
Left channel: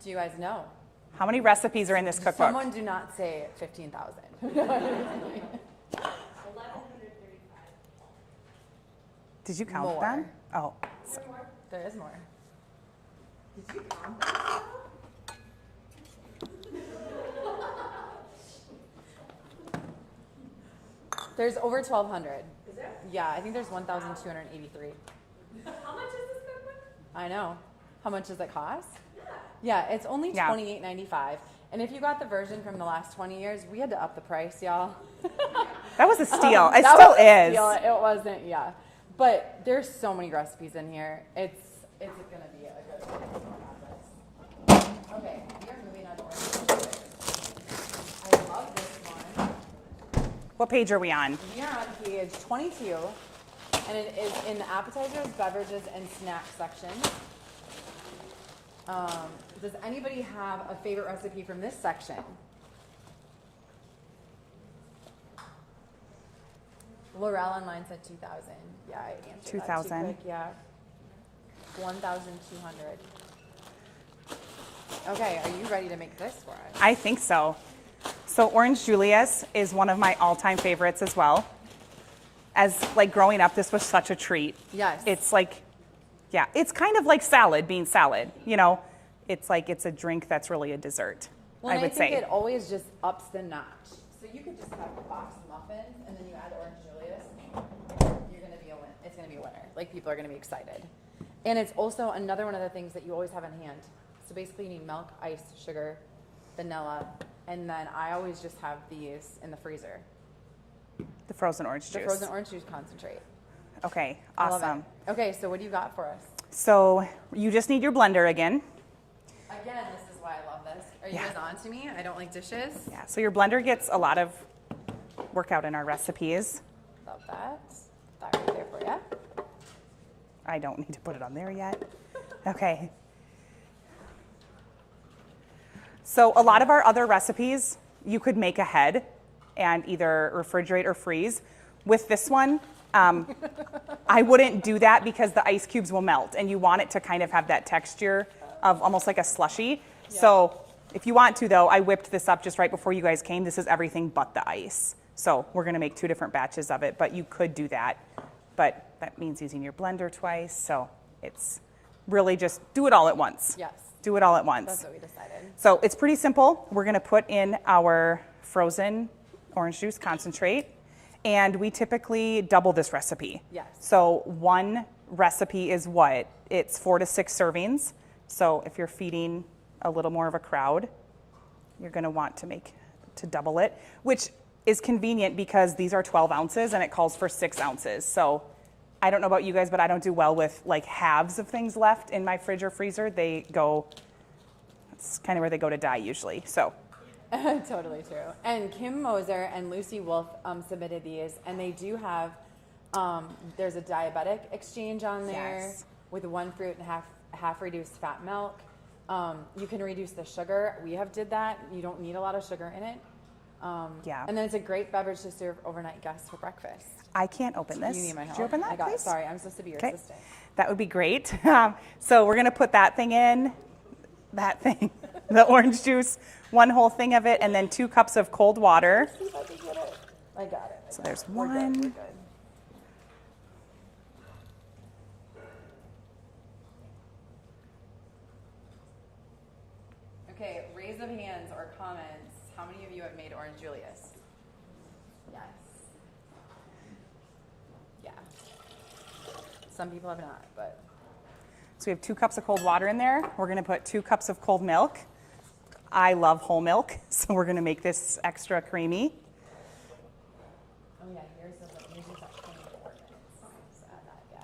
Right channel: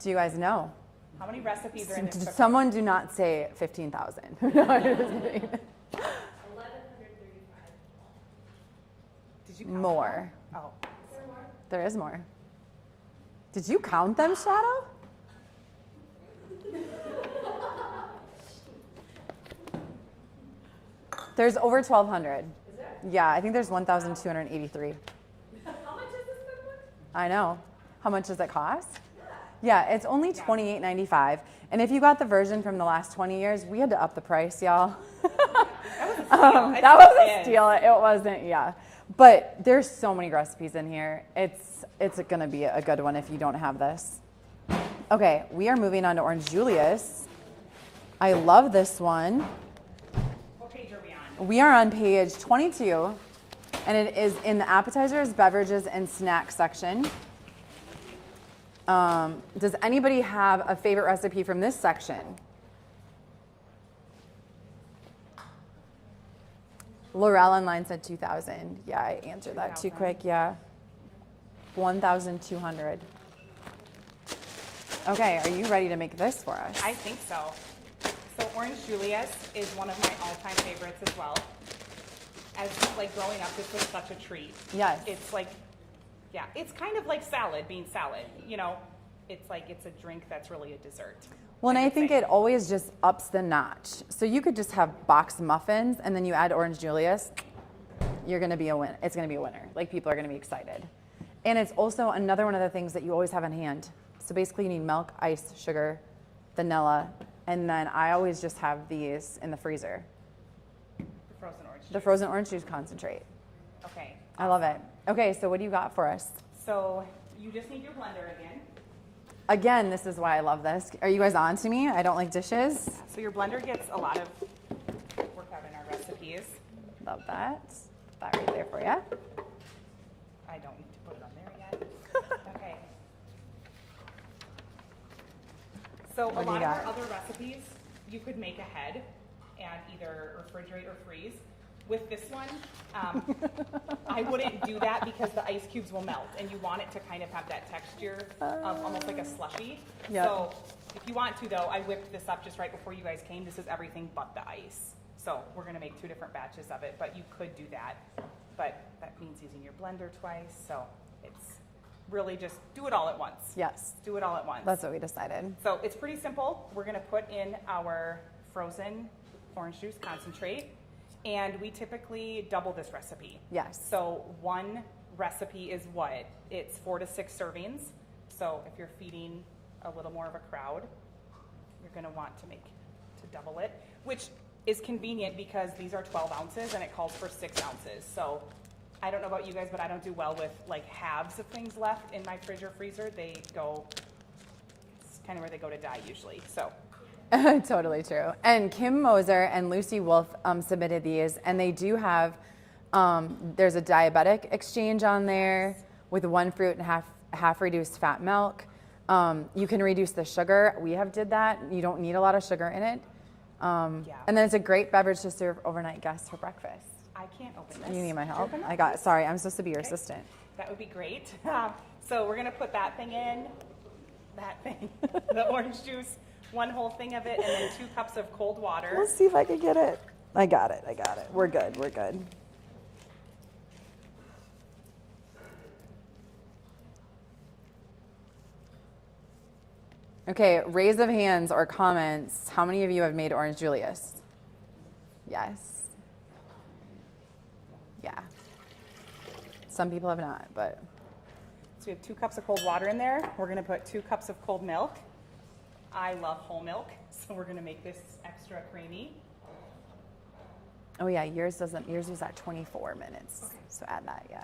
Do you guys know? How many recipes are in this cookbook? Someone do not say 15,000. Did you count More. them? Oh, There is more. Did you count them, Shadow? There's over 1,200. Is there? Yeah, I think there's 1,283. How much is this cookbook? I know. How much does it cost? Yeah, it's only Yeah. $28.95. And if you got the version from the last 20 years, we had to up the price, y'all. that was a steal. It That still was a is. steal. It wasn't, yeah. But there's so many recipes in here. It's gonna be a good one if you don't have this. Okay, we are moving on to Orange Julius. I love this one. What page are we on? We are on page 22, and it is in the appetizers, beverages, and snack section. Does anybody have a favorite recipe from this section? Laurel online said 2,000. Yeah, I answered that too 2,000. quick. Yeah, 1,200. Okay, are you ready to make this for us? I think so. So Orange Julius is one of my all-time favorites as well. As like growing up, this was such a treat. Yes. It's like, yeah, it's kind of like salad being salad, you know? It's like it's a drink that's really a dessert. Well, and I would think say. it always just ups the notch. So you could just have boxed muffins, and then you add Orange Julius. You're gonna be a win. It's gonna be a winner. Like people are gonna be excited. And it's also another one of the things that you always have on hand. So basically, you need milk, ice, sugar, vanilla, and then I always just have these in the freezer. The frozen orange juice. The frozen orange juice concentrate. Okay, I awesome. love it. Okay, so what do you got for us? So you just need your blender again. Again, this is why I love this. Are you guys on to me? I don't like dishes. Yeah, so your blender gets a lot of work out in our recipes. Love that. That right there for you. I don't need to put it on there yet. Okay. So a lot of our other recipes, you could make ahead and either refrigerate or freeze. With this one, I wouldn't do that because the ice cubes will melt and you want it to kind of have that texture of almost like a slushie. Yeah. So if you want to though, I whipped this up just right before you guys came. This is everything but the ice. So we're gonna make 2 different batches of it, but you could do that. But that means using your blender twice. So it's really just do it all at once. Yes. Do it all at once. That's what we decided. So it's pretty simple. We're gonna put in our frozen orange juice concentrate, and we typically double this recipe. Yes. So one recipe is what? It's 4 to 6 servings. So if you're feeding a little more of a crowd, you're gonna want to double it, which is convenient because these are 12 ounces and it calls for 6 ounces. So I don't know about you guys, but I don't do well with like halves of things left in my fridge or freezer. It's kind of where they go to die usually, so. Totally true. And Kim Moser and Lucy Wolf submitted these, and they do have, there's a diabetic exchange on there with 1 fruit and half reduced fat milk. You can reduce the sugar. We have did that. You don't need a lot of sugar in it. Yeah. And then it's a great beverage to serve overnight guests for breakfast. I can't open this. You need my Could you help? open that, I got it. please? Sorry, I'm supposed to be your Okay. assistant. That would be great. So we're gonna put that thing in, the orange juice, 1 whole thing of it, and then 2 cups of cold water. Let's see if I can get it. I got it. there's We're good. one. We're good. Okay, raise of hands or comments. How many of you have made orange Julius? Yes. Yeah. Some people have not, but. So we have 2 cups of cold water in there. We're gonna put 2 cups of cold milk. I love whole milk, so we're gonna make this extra creamy. Oh yeah, yours is at 24 minutes. So add that, yeah.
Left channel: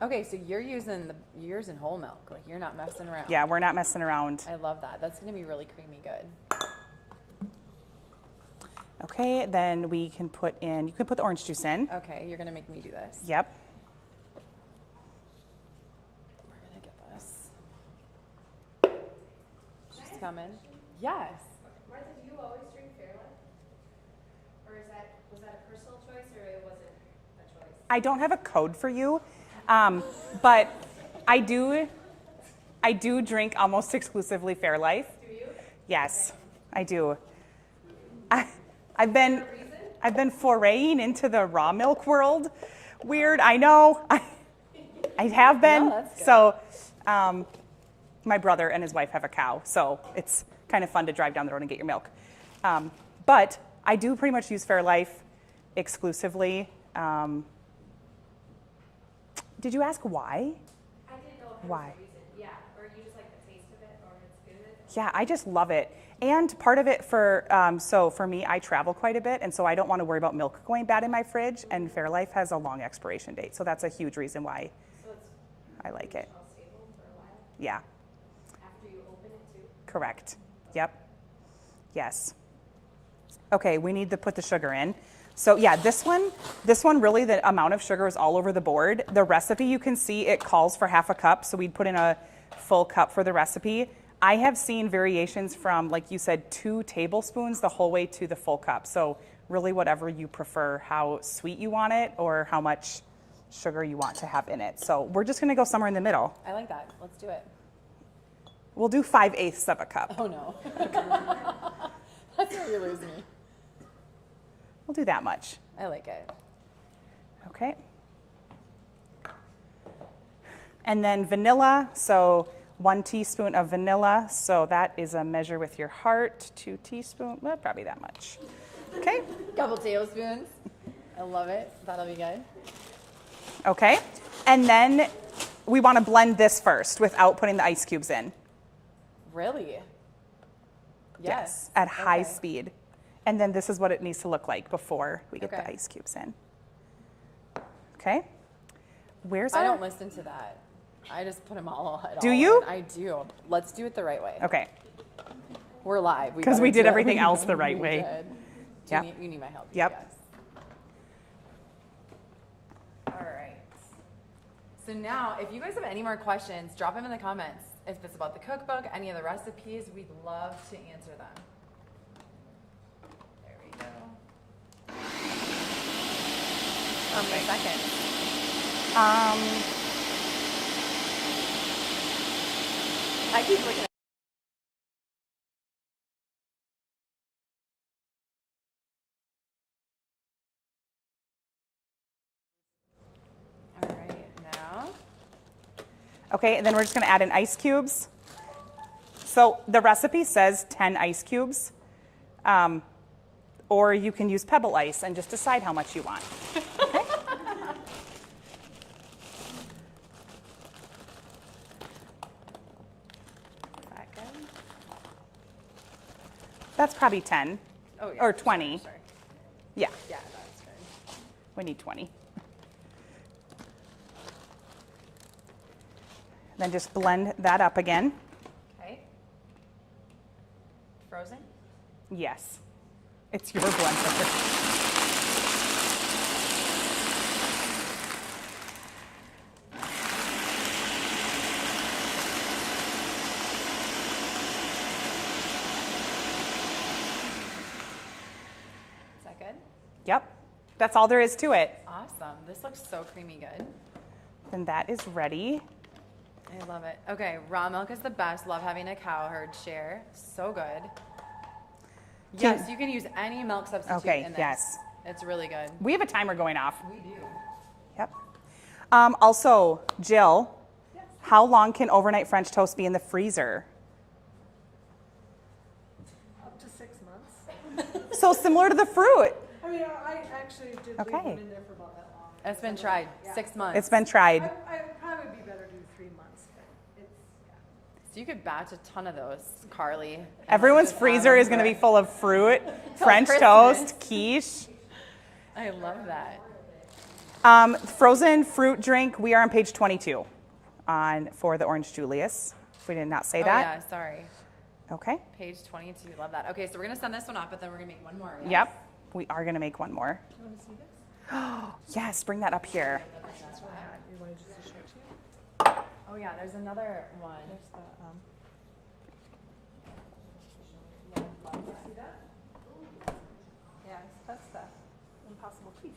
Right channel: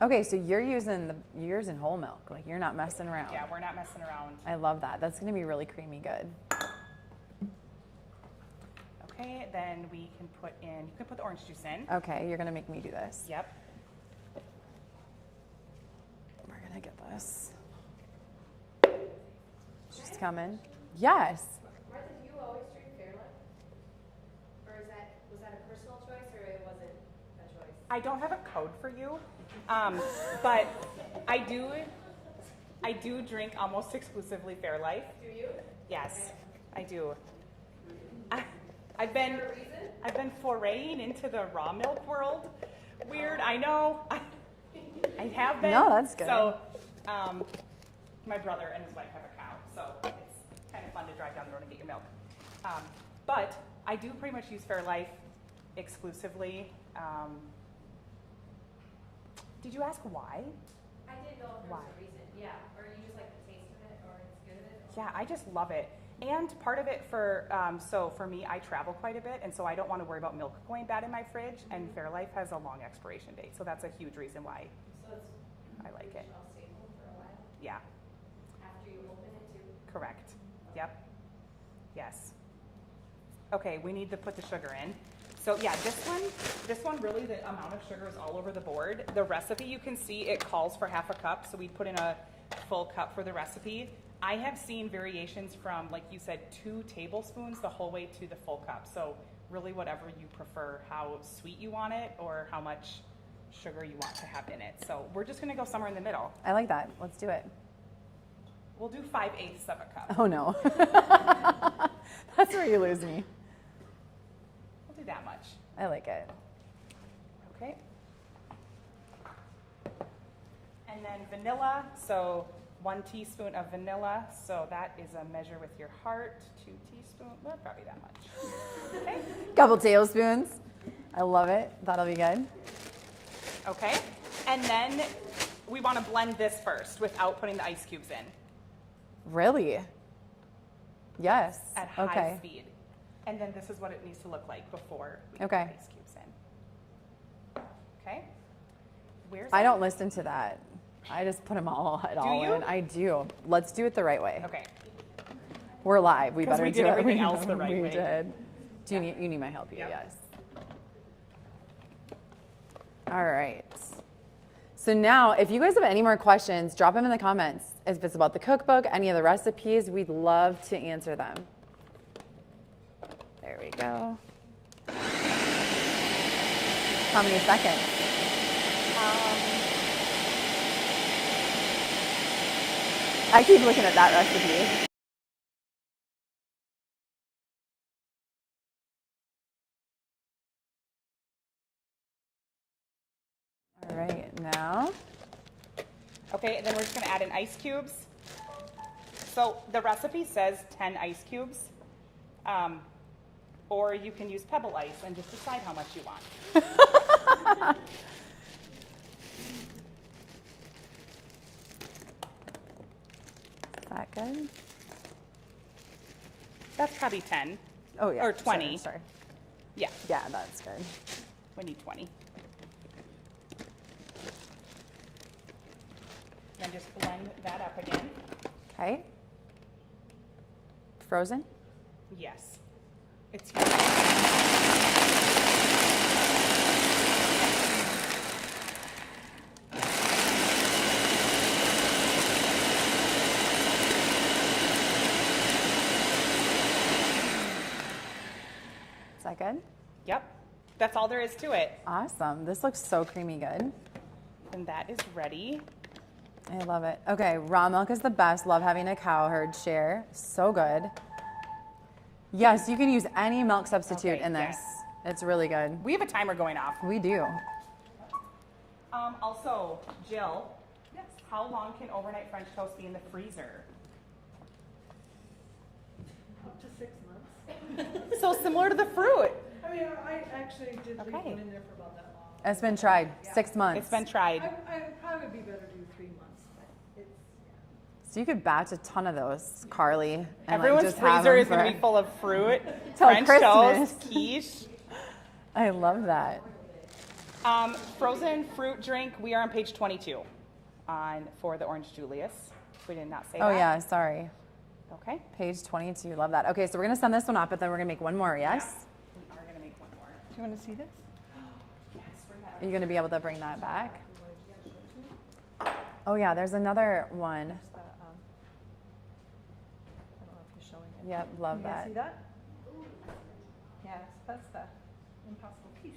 Okay, so you're using whole milk. Like you're not messing around. Yeah, we're not messing around. I love that. That's gonna be really creamy good. Okay, then you can put the orange juice in. Okay, you're gonna make me do this. Yep. We're gonna get this. She's coming. Yes. Martha, do you always drink Fairlife? Or was that a personal choice or it wasn't a choice? I don't have a code for you, but I do drink almost exclusively Fairlife. Do you? Yes, I do. I've been foraying into the raw milk world. Weird, I know. I have been. No, that's good. So, my brother and his wife have a cow, so it's kind of fun to drive down the road and get your milk. But I do pretty much use Fairlife exclusively. Did you ask why? I didn't know if there Why? was a reason. Yeah. Or you just like the taste of it or it's good of it? Yeah, I just love it. And part of it so for me, I travel quite a bit, and so I don't want to worry about milk going bad in my fridge, and Fairlife has a long expiration date, so that's a huge reason why So it's I like it. shelf stable for a while Yeah, after you open it too. correct. Yep. Yes. Okay, we need to put the sugar in. So yeah, this one really, the amount of sugar is all over the board. The recipe, you can see it calls for half a cup, so we'd put in a full cup for the recipe. I have seen variations from, like you said, 2 tablespoons the whole way to the full cup. So really whatever you prefer, how sweet you want it or how much sugar you want to have in it. So we're just gonna go somewhere in the middle. I like that. Let's do it. We'll do 5/8 of a cup. Oh no. That's where you lose me. We'll do that much. I like it. Okay. And then vanilla, so 1 teaspoon of vanilla. So that is a measure with your heart. 2 teaspoons, well, probably that much. Okay. Couple tablespoons. I love it. That'll be good. Okay. And then we want to blend this first without putting the ice cubes in. Really? Yes. At high Okay. speed. And then this is what it needs to look like before we get Okay. the ice cubes in. Okay. Where's I our- don't listen to that. I just put them all. Do you? I do. Let's do it the right way. Okay. We're live. 'Cause we did everything else the right we way. Did. Yep. You need my help. Yep. Yes. All right. So now, if you guys have any more questions, drop them in the comments. If it's about the cookbook, any of the recipes, we'd love to answer them. There we go. How many seconds? I keep looking at that recipe. All right, now. Okay, and then we're just gonna add in ice cubes. So the recipe says 10 ice cubes, or you can use pebble ice and just decide how much you want. Is that good? That's probably 10. Oh, yeah. Or 20. Sorry. Yeah, Yeah, that's good. we need 20. Then just blend that up again. Okay. Frozen? Yes. It's your blend. Is that good? Yep. That's all there is to it. Awesome. This looks so creamy good. And that is ready. I love it. Okay, raw milk is the best. Love having a cow herd share. So good. Yes, you can use any milk substitute Okay, in this. yes. It's really good. We have a timer going off. We do. Yep. Also, Jill, how long can overnight French toast be in the freezer? Up to 6 months. So similar to the fruit. I mean, I actually did leave Okay. one in there for about that long. It's been tried. 6 months. It's been tried. I'd probably be better to do 3 months, but it's, yeah. So you could batch a ton of those, Carly. and, like, Everyone's just have freezer them is going to be for- full of fruit, Till French Christmas. toast, quiche. I love that. Frozen fruit drink, we are on page 22 for the Orange Julius. If we did not say Oh, that. yeah, sorry. Okay. Page 22. Love that. Okay, so we're going to send this one up, but then we're going to make one more, yes? Yep. We are going to make one more. Do you want to see this? Yes, bring that up Are you going to here. be able to bring that back? You want just to show it to you? Oh, yeah, there's another one. Yeah, love that. See that? Yes, that's the impossible quiche.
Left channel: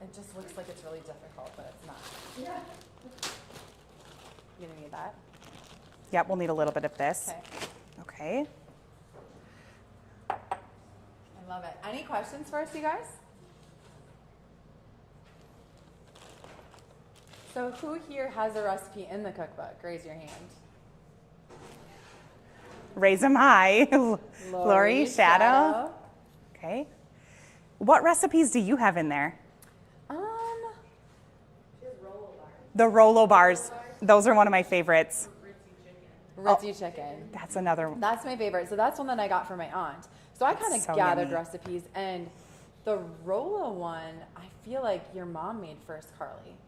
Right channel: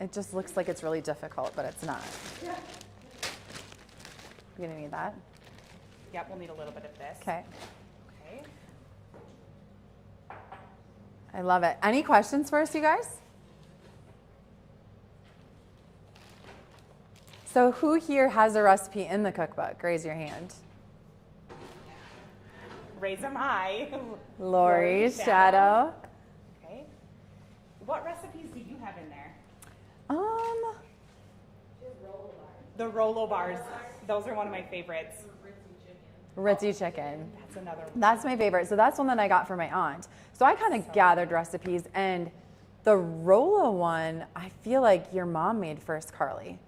It just looks like it's really difficult, but it's not. Yeah. You're going to need that? Yep, we'll need a little bit of this. Okay. Okay. I love it. Any questions for us, you guys? So who here has a recipe in the cookbook? Raise your hand. Raise them high. Lori, Shadow. Okay. What recipes do you have in there? The Rolo bars. Those are one of my favorites. Ritzy chicken. That's another one. That's my favorite. So that's one that I got for my aunt. So I kind of So gathered yummy. recipes, and the Rolo one, I feel like your mom made first, Carly.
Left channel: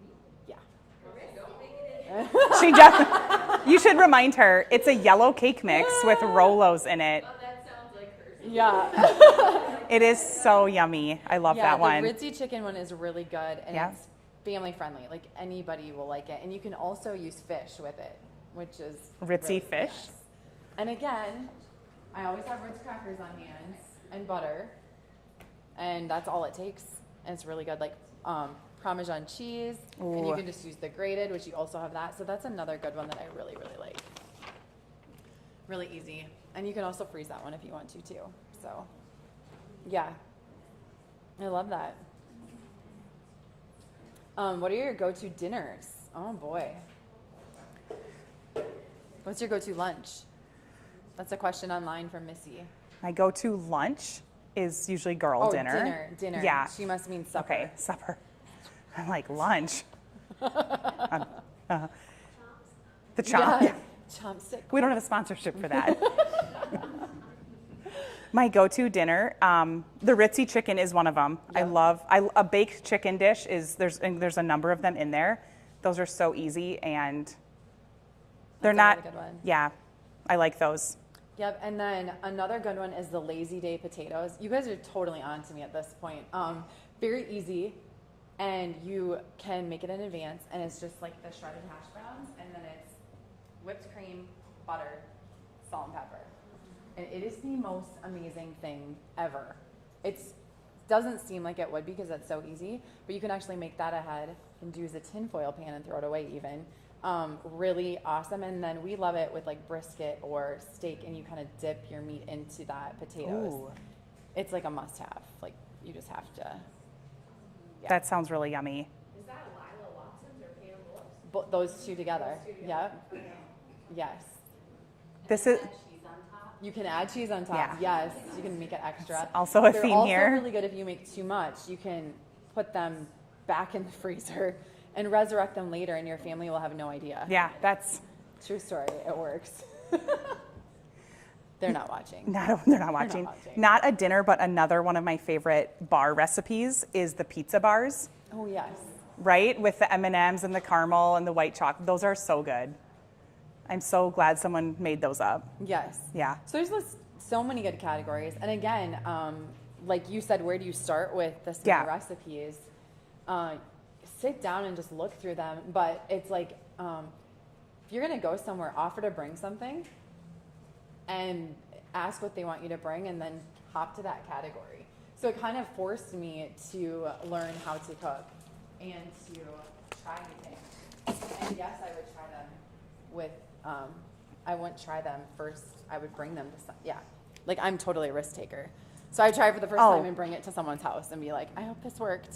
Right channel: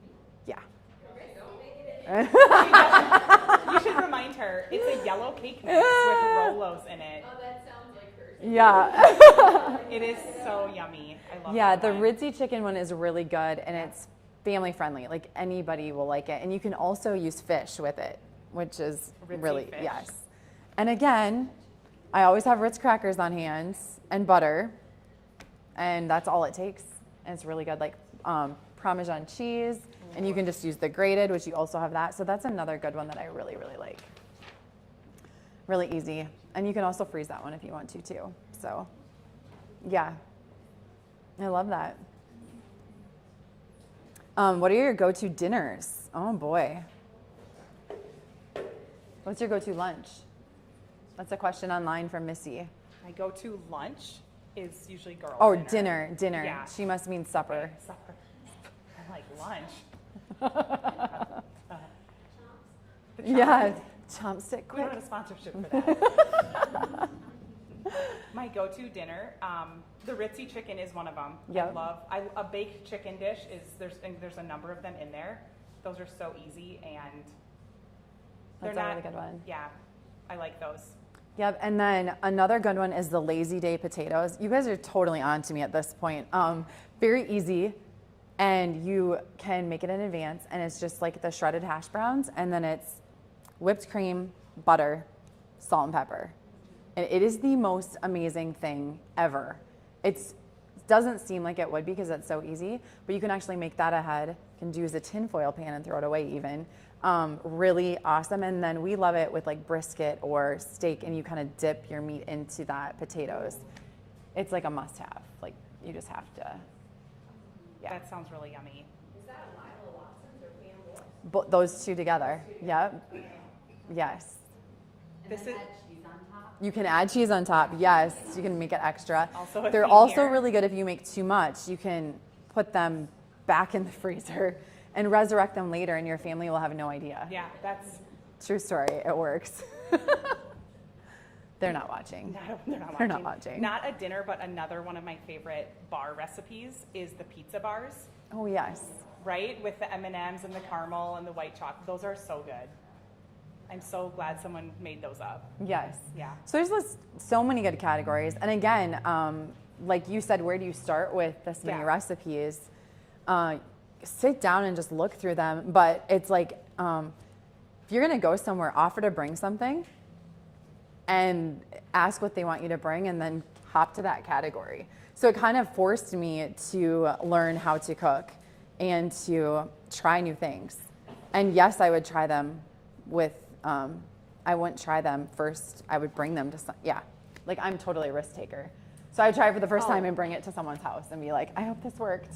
Yeah. She does. You should remind her. It's a yellow cake mix with Rolos in it. Yeah. It is so yummy. I love Yeah, that one. the Ritzy chicken one is really good, and Yeah. it's family friendly. Like anybody will like it, and you can also use fish with it, which is Ritzy really, fish. Yes. And again, I always have Ritz crackers on hand and butter, and that's all it takes. And it's really good, like Parmesan cheese, and you Ooh. can just use the grated, which you also have that. So that's another good one that I really, really like. Really easy, and you can also freeze that one if you want to too. So, yeah, I love that. What are your go-to dinners? Oh boy. What's your go-to lunch? That's a question online from Missy. My go-to lunch is usually girl Oh, dinner. dinner. Yeah. She must mean supper. Okay, supper. I'm like lunch. The chop. Yeah. Chopstick. We don't have a sponsorship for that. My go-to dinner, the Ritzy chicken is one of them. Yeah. A baked chicken dish is, there's a number of them in there. Those are so easy and They're That's a not, really good one. yeah, I like those. Yep, and then another good one is the Lazy Day potatoes. You guys are totally on to me at this point. Very easy, and you can make it in advance, and it's just like the shredded hash browns, and then it's whipped cream, butter, salt and pepper. And it is the most amazing thing ever. It doesn't seem like it would be because it's so easy, but you can actually make that ahead and use a tinfoil pan and throw it away even. Really awesome. And then we love it with like brisket or steak, and you kind of dip your meat into that potatoes. Ooh. It's like a must have. Like you just have to. Yeah. That sounds really yummy. Is that Lila Watson's or Pam Wolf's? Those two together. Yep. Yes. This is, You can add cheese on top. Yeah. Yes, you can make it extra. Also a They're theme also here. really good if you make too much. You can put them back in the freezer and resurrect them later, and your family will have no idea. yeah, that's, True story. It works. They're not watching. they're not watching. They're not watching. Not a dinner, but another one of my favorite bar recipes is the pizza bars, Oh yes. right? With the M&Ms and the caramel and the white chocolate. Those are so good. I'm so glad someone made those up. Yes. Yeah. So there's so many good categories, and again, like you said, where do you start with this many Yeah. recipes? Sit down and just look through them. But it's like, if you're gonna go somewhere, offer to bring something, and ask what they want you to bring, and then hop to that category. So it kind of forced me to learn how to cook and to try new things. And yes, I would try them with. I wouldn't try them first. I would bring them to like I'm totally a risk taker. So I try for the first Oh. time and bring it to someone's house and be like, I hope this worked.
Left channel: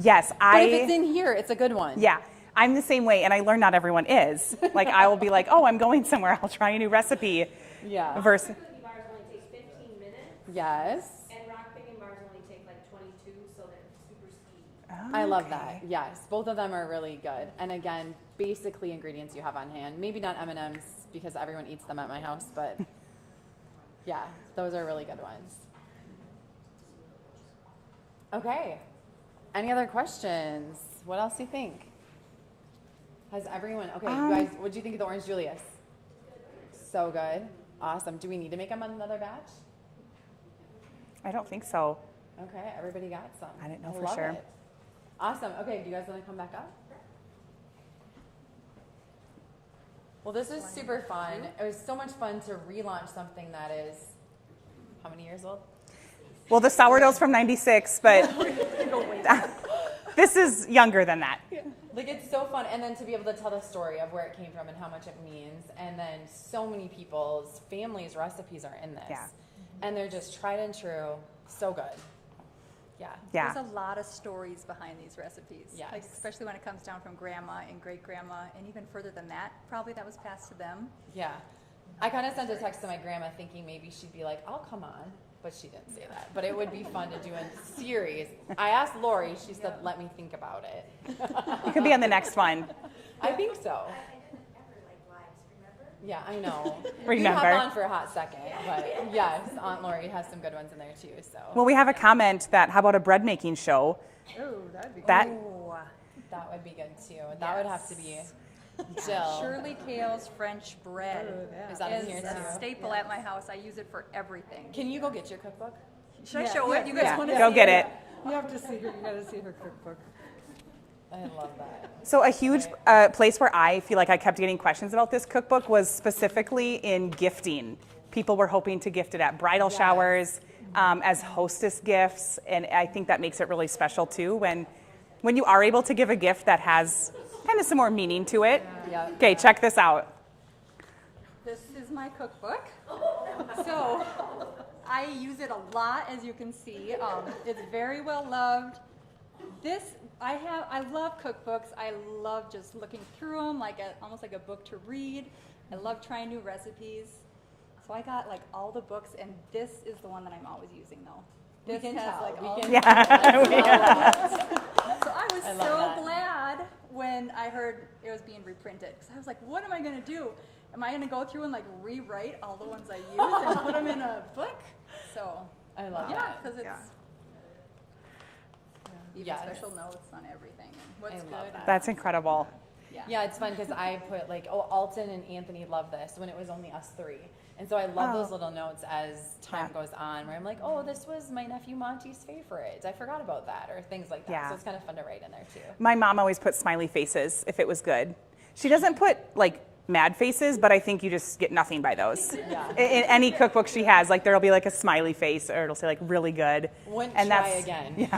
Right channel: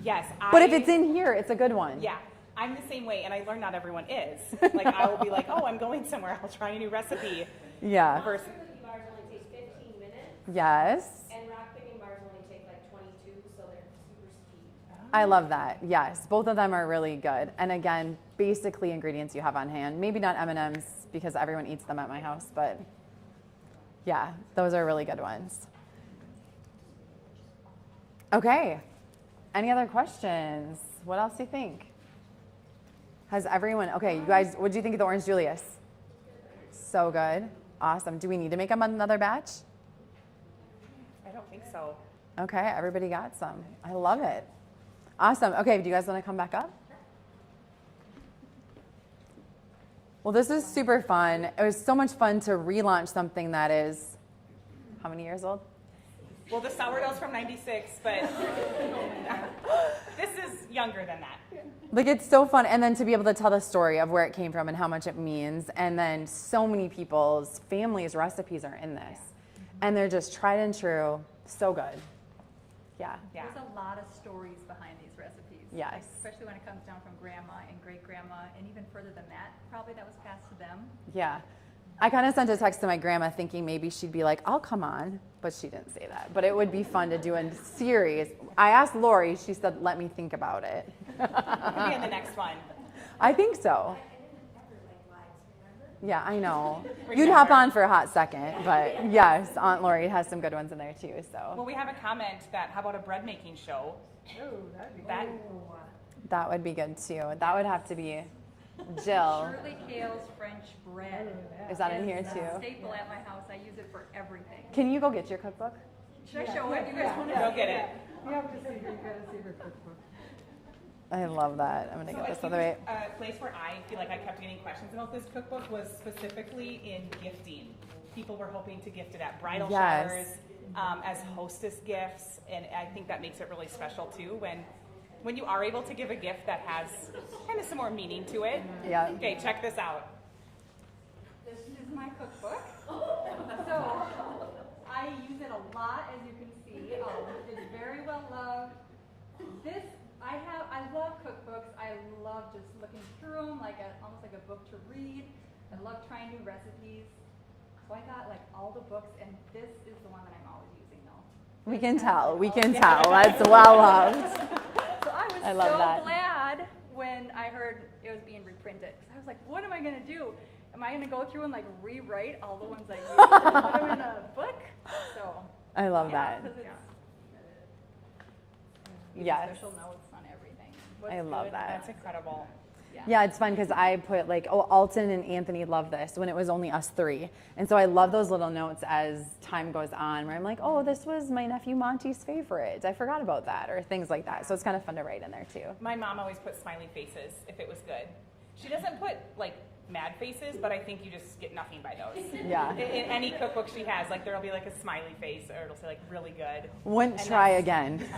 Yes, But if it's in here, it's a good one. Yeah, I'm the same way, and I learned not everyone is. Like, I will be like, oh, I'm going somewhere, I'll try a new recipe. Yeah. Versus, Cookie bars only take 15 minutes, Yes. and rock picking bars only take like 22, so they're super speedy. I love that. Yes, both of them are really good. And again, basically ingredients you have on hand. Maybe not M&Ms because everyone eats them at my house, but yeah, those are really good ones. Okay. Any other questions? What else do you think? Has everyone, okay, you guys, what do you think of the Orange Julius? So good. Awesome. Do we need to make them another batch? I don't think so. Okay, everybody got some. I didn't know I for love sure. it. Awesome. Okay, do you guys want to come back up? Well, this is super fun. It was so much fun to relaunch something that is, how many years old? Well, the sourdough's from 96, but this is younger than that. Like, it's so fun. And then to be able to tell the story of where it came from and how much it means. And then so many people's families' recipes are in this. Yeah. And they're just tried and true. So good. Yeah. Yeah. There's a lot of stories behind these recipes. Yes. Like, especially when it comes down from grandma and great grandma, and even further than that, probably that was passed to them. Yeah. I kind of sent a text to my grandma thinking maybe she'd be like, I'll come on. But she didn't say that. But it would be fun to do a series. I asked Lori, she said, let me think about it. You could be on the next one. I think so. I didn't ever like lives, remember? Yeah, I know. You'd Remember. hop on for a hot second. But yes, Aunt Lori has some good ones in there too. So Well, we have a comment that, how about a bread making show? Oh, that'd be That, that would be good too. That would have to be Jill. Shirley Kale's French bread Is that in is here a too? staple at my house. I use it for everything. Can you go get your cookbook? Should I show it? You guys want to go see get it. You have to see her, you gotta see her cookbook. I love that. I'm gonna So a get this huge away. place where I feel like I kept getting questions about this cookbook was specifically in gifting. People were hoping to gift it at bridal Yes. showers, as hostess gifts, and I think that makes it really special too when you are able to give a gift that has kind of some more meaning to it. Yeah. Okay, check this out. This is my cookbook. So I use it a lot, as you can see. It's very well loved. I love cookbooks. I love just looking through them, almost like a book to read. I love trying new recipes. So I got like all the books, and this is the one that I'm always using though. We This can has, tell. like, We all can the- tell. That's well loved. So I was I love so that. glad when I heard it was being reprinted, because I was like, what am I going to do? Am I going to go through and like rewrite all the ones I used and put them in a book? So I love yeah, that. because it's even Yes. special notes on everything and what's I love good. that. That's incredible. Yeah, it's fun because I put like, oh, Alton and Anthony love this when it was only us three. And so I love those little notes as time goes on where I'm like, oh, this was my nephew Monty's favorite. I forgot about that, or things like that. Yeah. So it's kind of fun to write in there too. My mom always put smiley faces if it was good. She doesn't put like mad faces, but I think you just get nothing by those. Yeah. In any cookbook she has, like there'll be like a smiley face, or it'll say like really good. Wouldn't And try that's- again.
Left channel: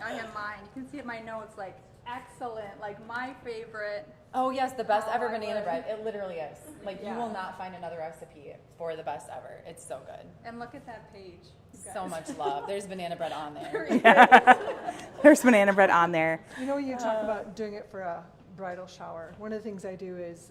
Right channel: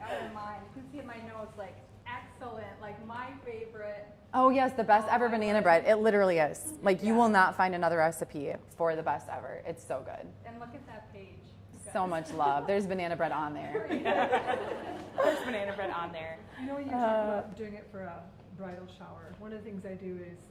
I have mine. You can see in my notes, like, excellent, like my favorite. Oh yes, the best ever I banana would. bread. It literally is. Like you Yeah. will not find another recipe for the best ever. It's so good. And look at that page. you So guys. much love. There's banana bread on there. There's banana bread on there. You know, when you talk about doing it for a bridal shower, one of the things I do is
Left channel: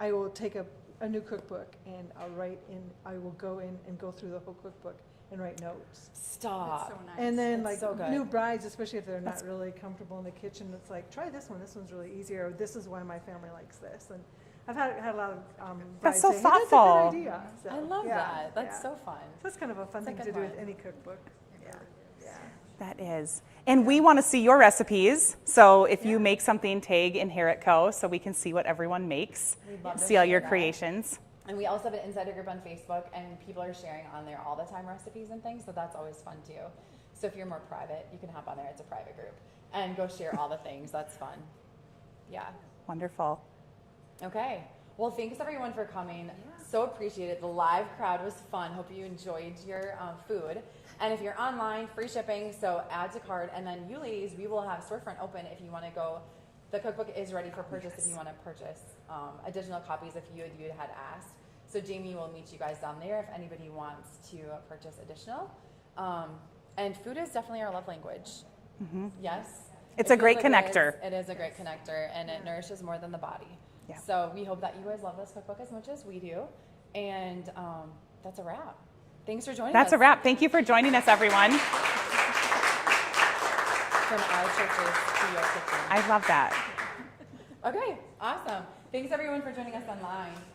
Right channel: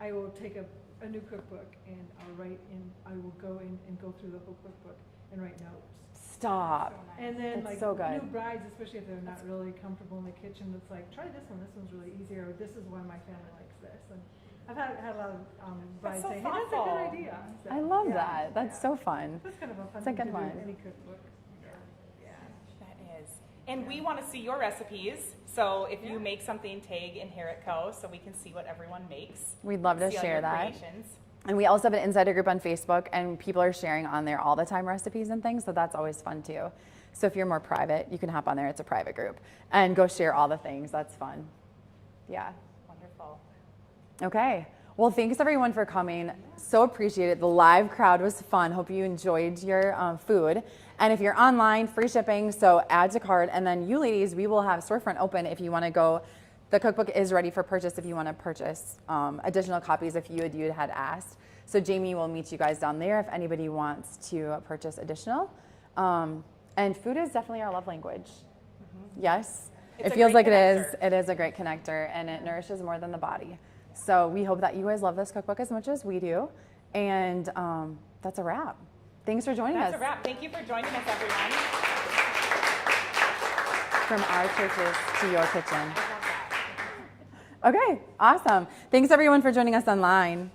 I will take a new cookbook and I will go in and go through the whole cookbook and write notes. Stop. So nice. And then That's like so good. new brides, especially if they're not really comfortable in the kitchen, it's like, try this one, this one's really easier, or this is why my family likes this. And I've had a lot of That's brides so say, hey, thoughtful. that's a good idea. So, I love yeah, that. That's yeah. so fun. So that's kind of a fun It's a thing to good do with one. any cookbook. That is. And we want to see your recipes. So if you make something, tag Inherit Co. so we can see what everyone makes. We'd love to see all share your that. creations. And we also have an insider group on Facebook, and people are sharing on there all the time recipes and things, so that's always fun too. So if you're more private, you can hop on there. It's a private group, and go share all the things. That's fun. Yeah. Wonderful. Okay. Well, thanks everyone for coming. So appreciate it. The live crowd was fun. Hope you enjoyed your food. And if you're online, free shipping, so add to cart. And then you ladies, we will have storefront open if you want to go. The cookbook is ready for purchase if you want to purchase additional copies if you had asked. So Jamie will meet you guys down there if anybody wants to purchase additional. And food is definitely our love language. Yes. It's It a feels great like connector. It is a great connector, and it nourishes more than the body. Yeah. So we hope that you guys love this cookbook as much as we do. And that's a wrap. Thanks for joining us. That's a wrap. Thank you for joining us, everyone. From our churches to your kitchen. I love that. Okay, awesome. Thanks everyone for joining us online.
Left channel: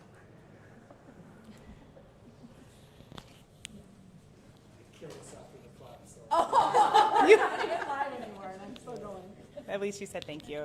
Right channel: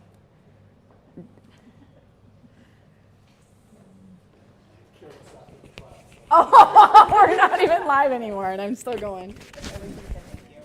Oh, we're not even live anymore, and I'm still going. At least you said thank you.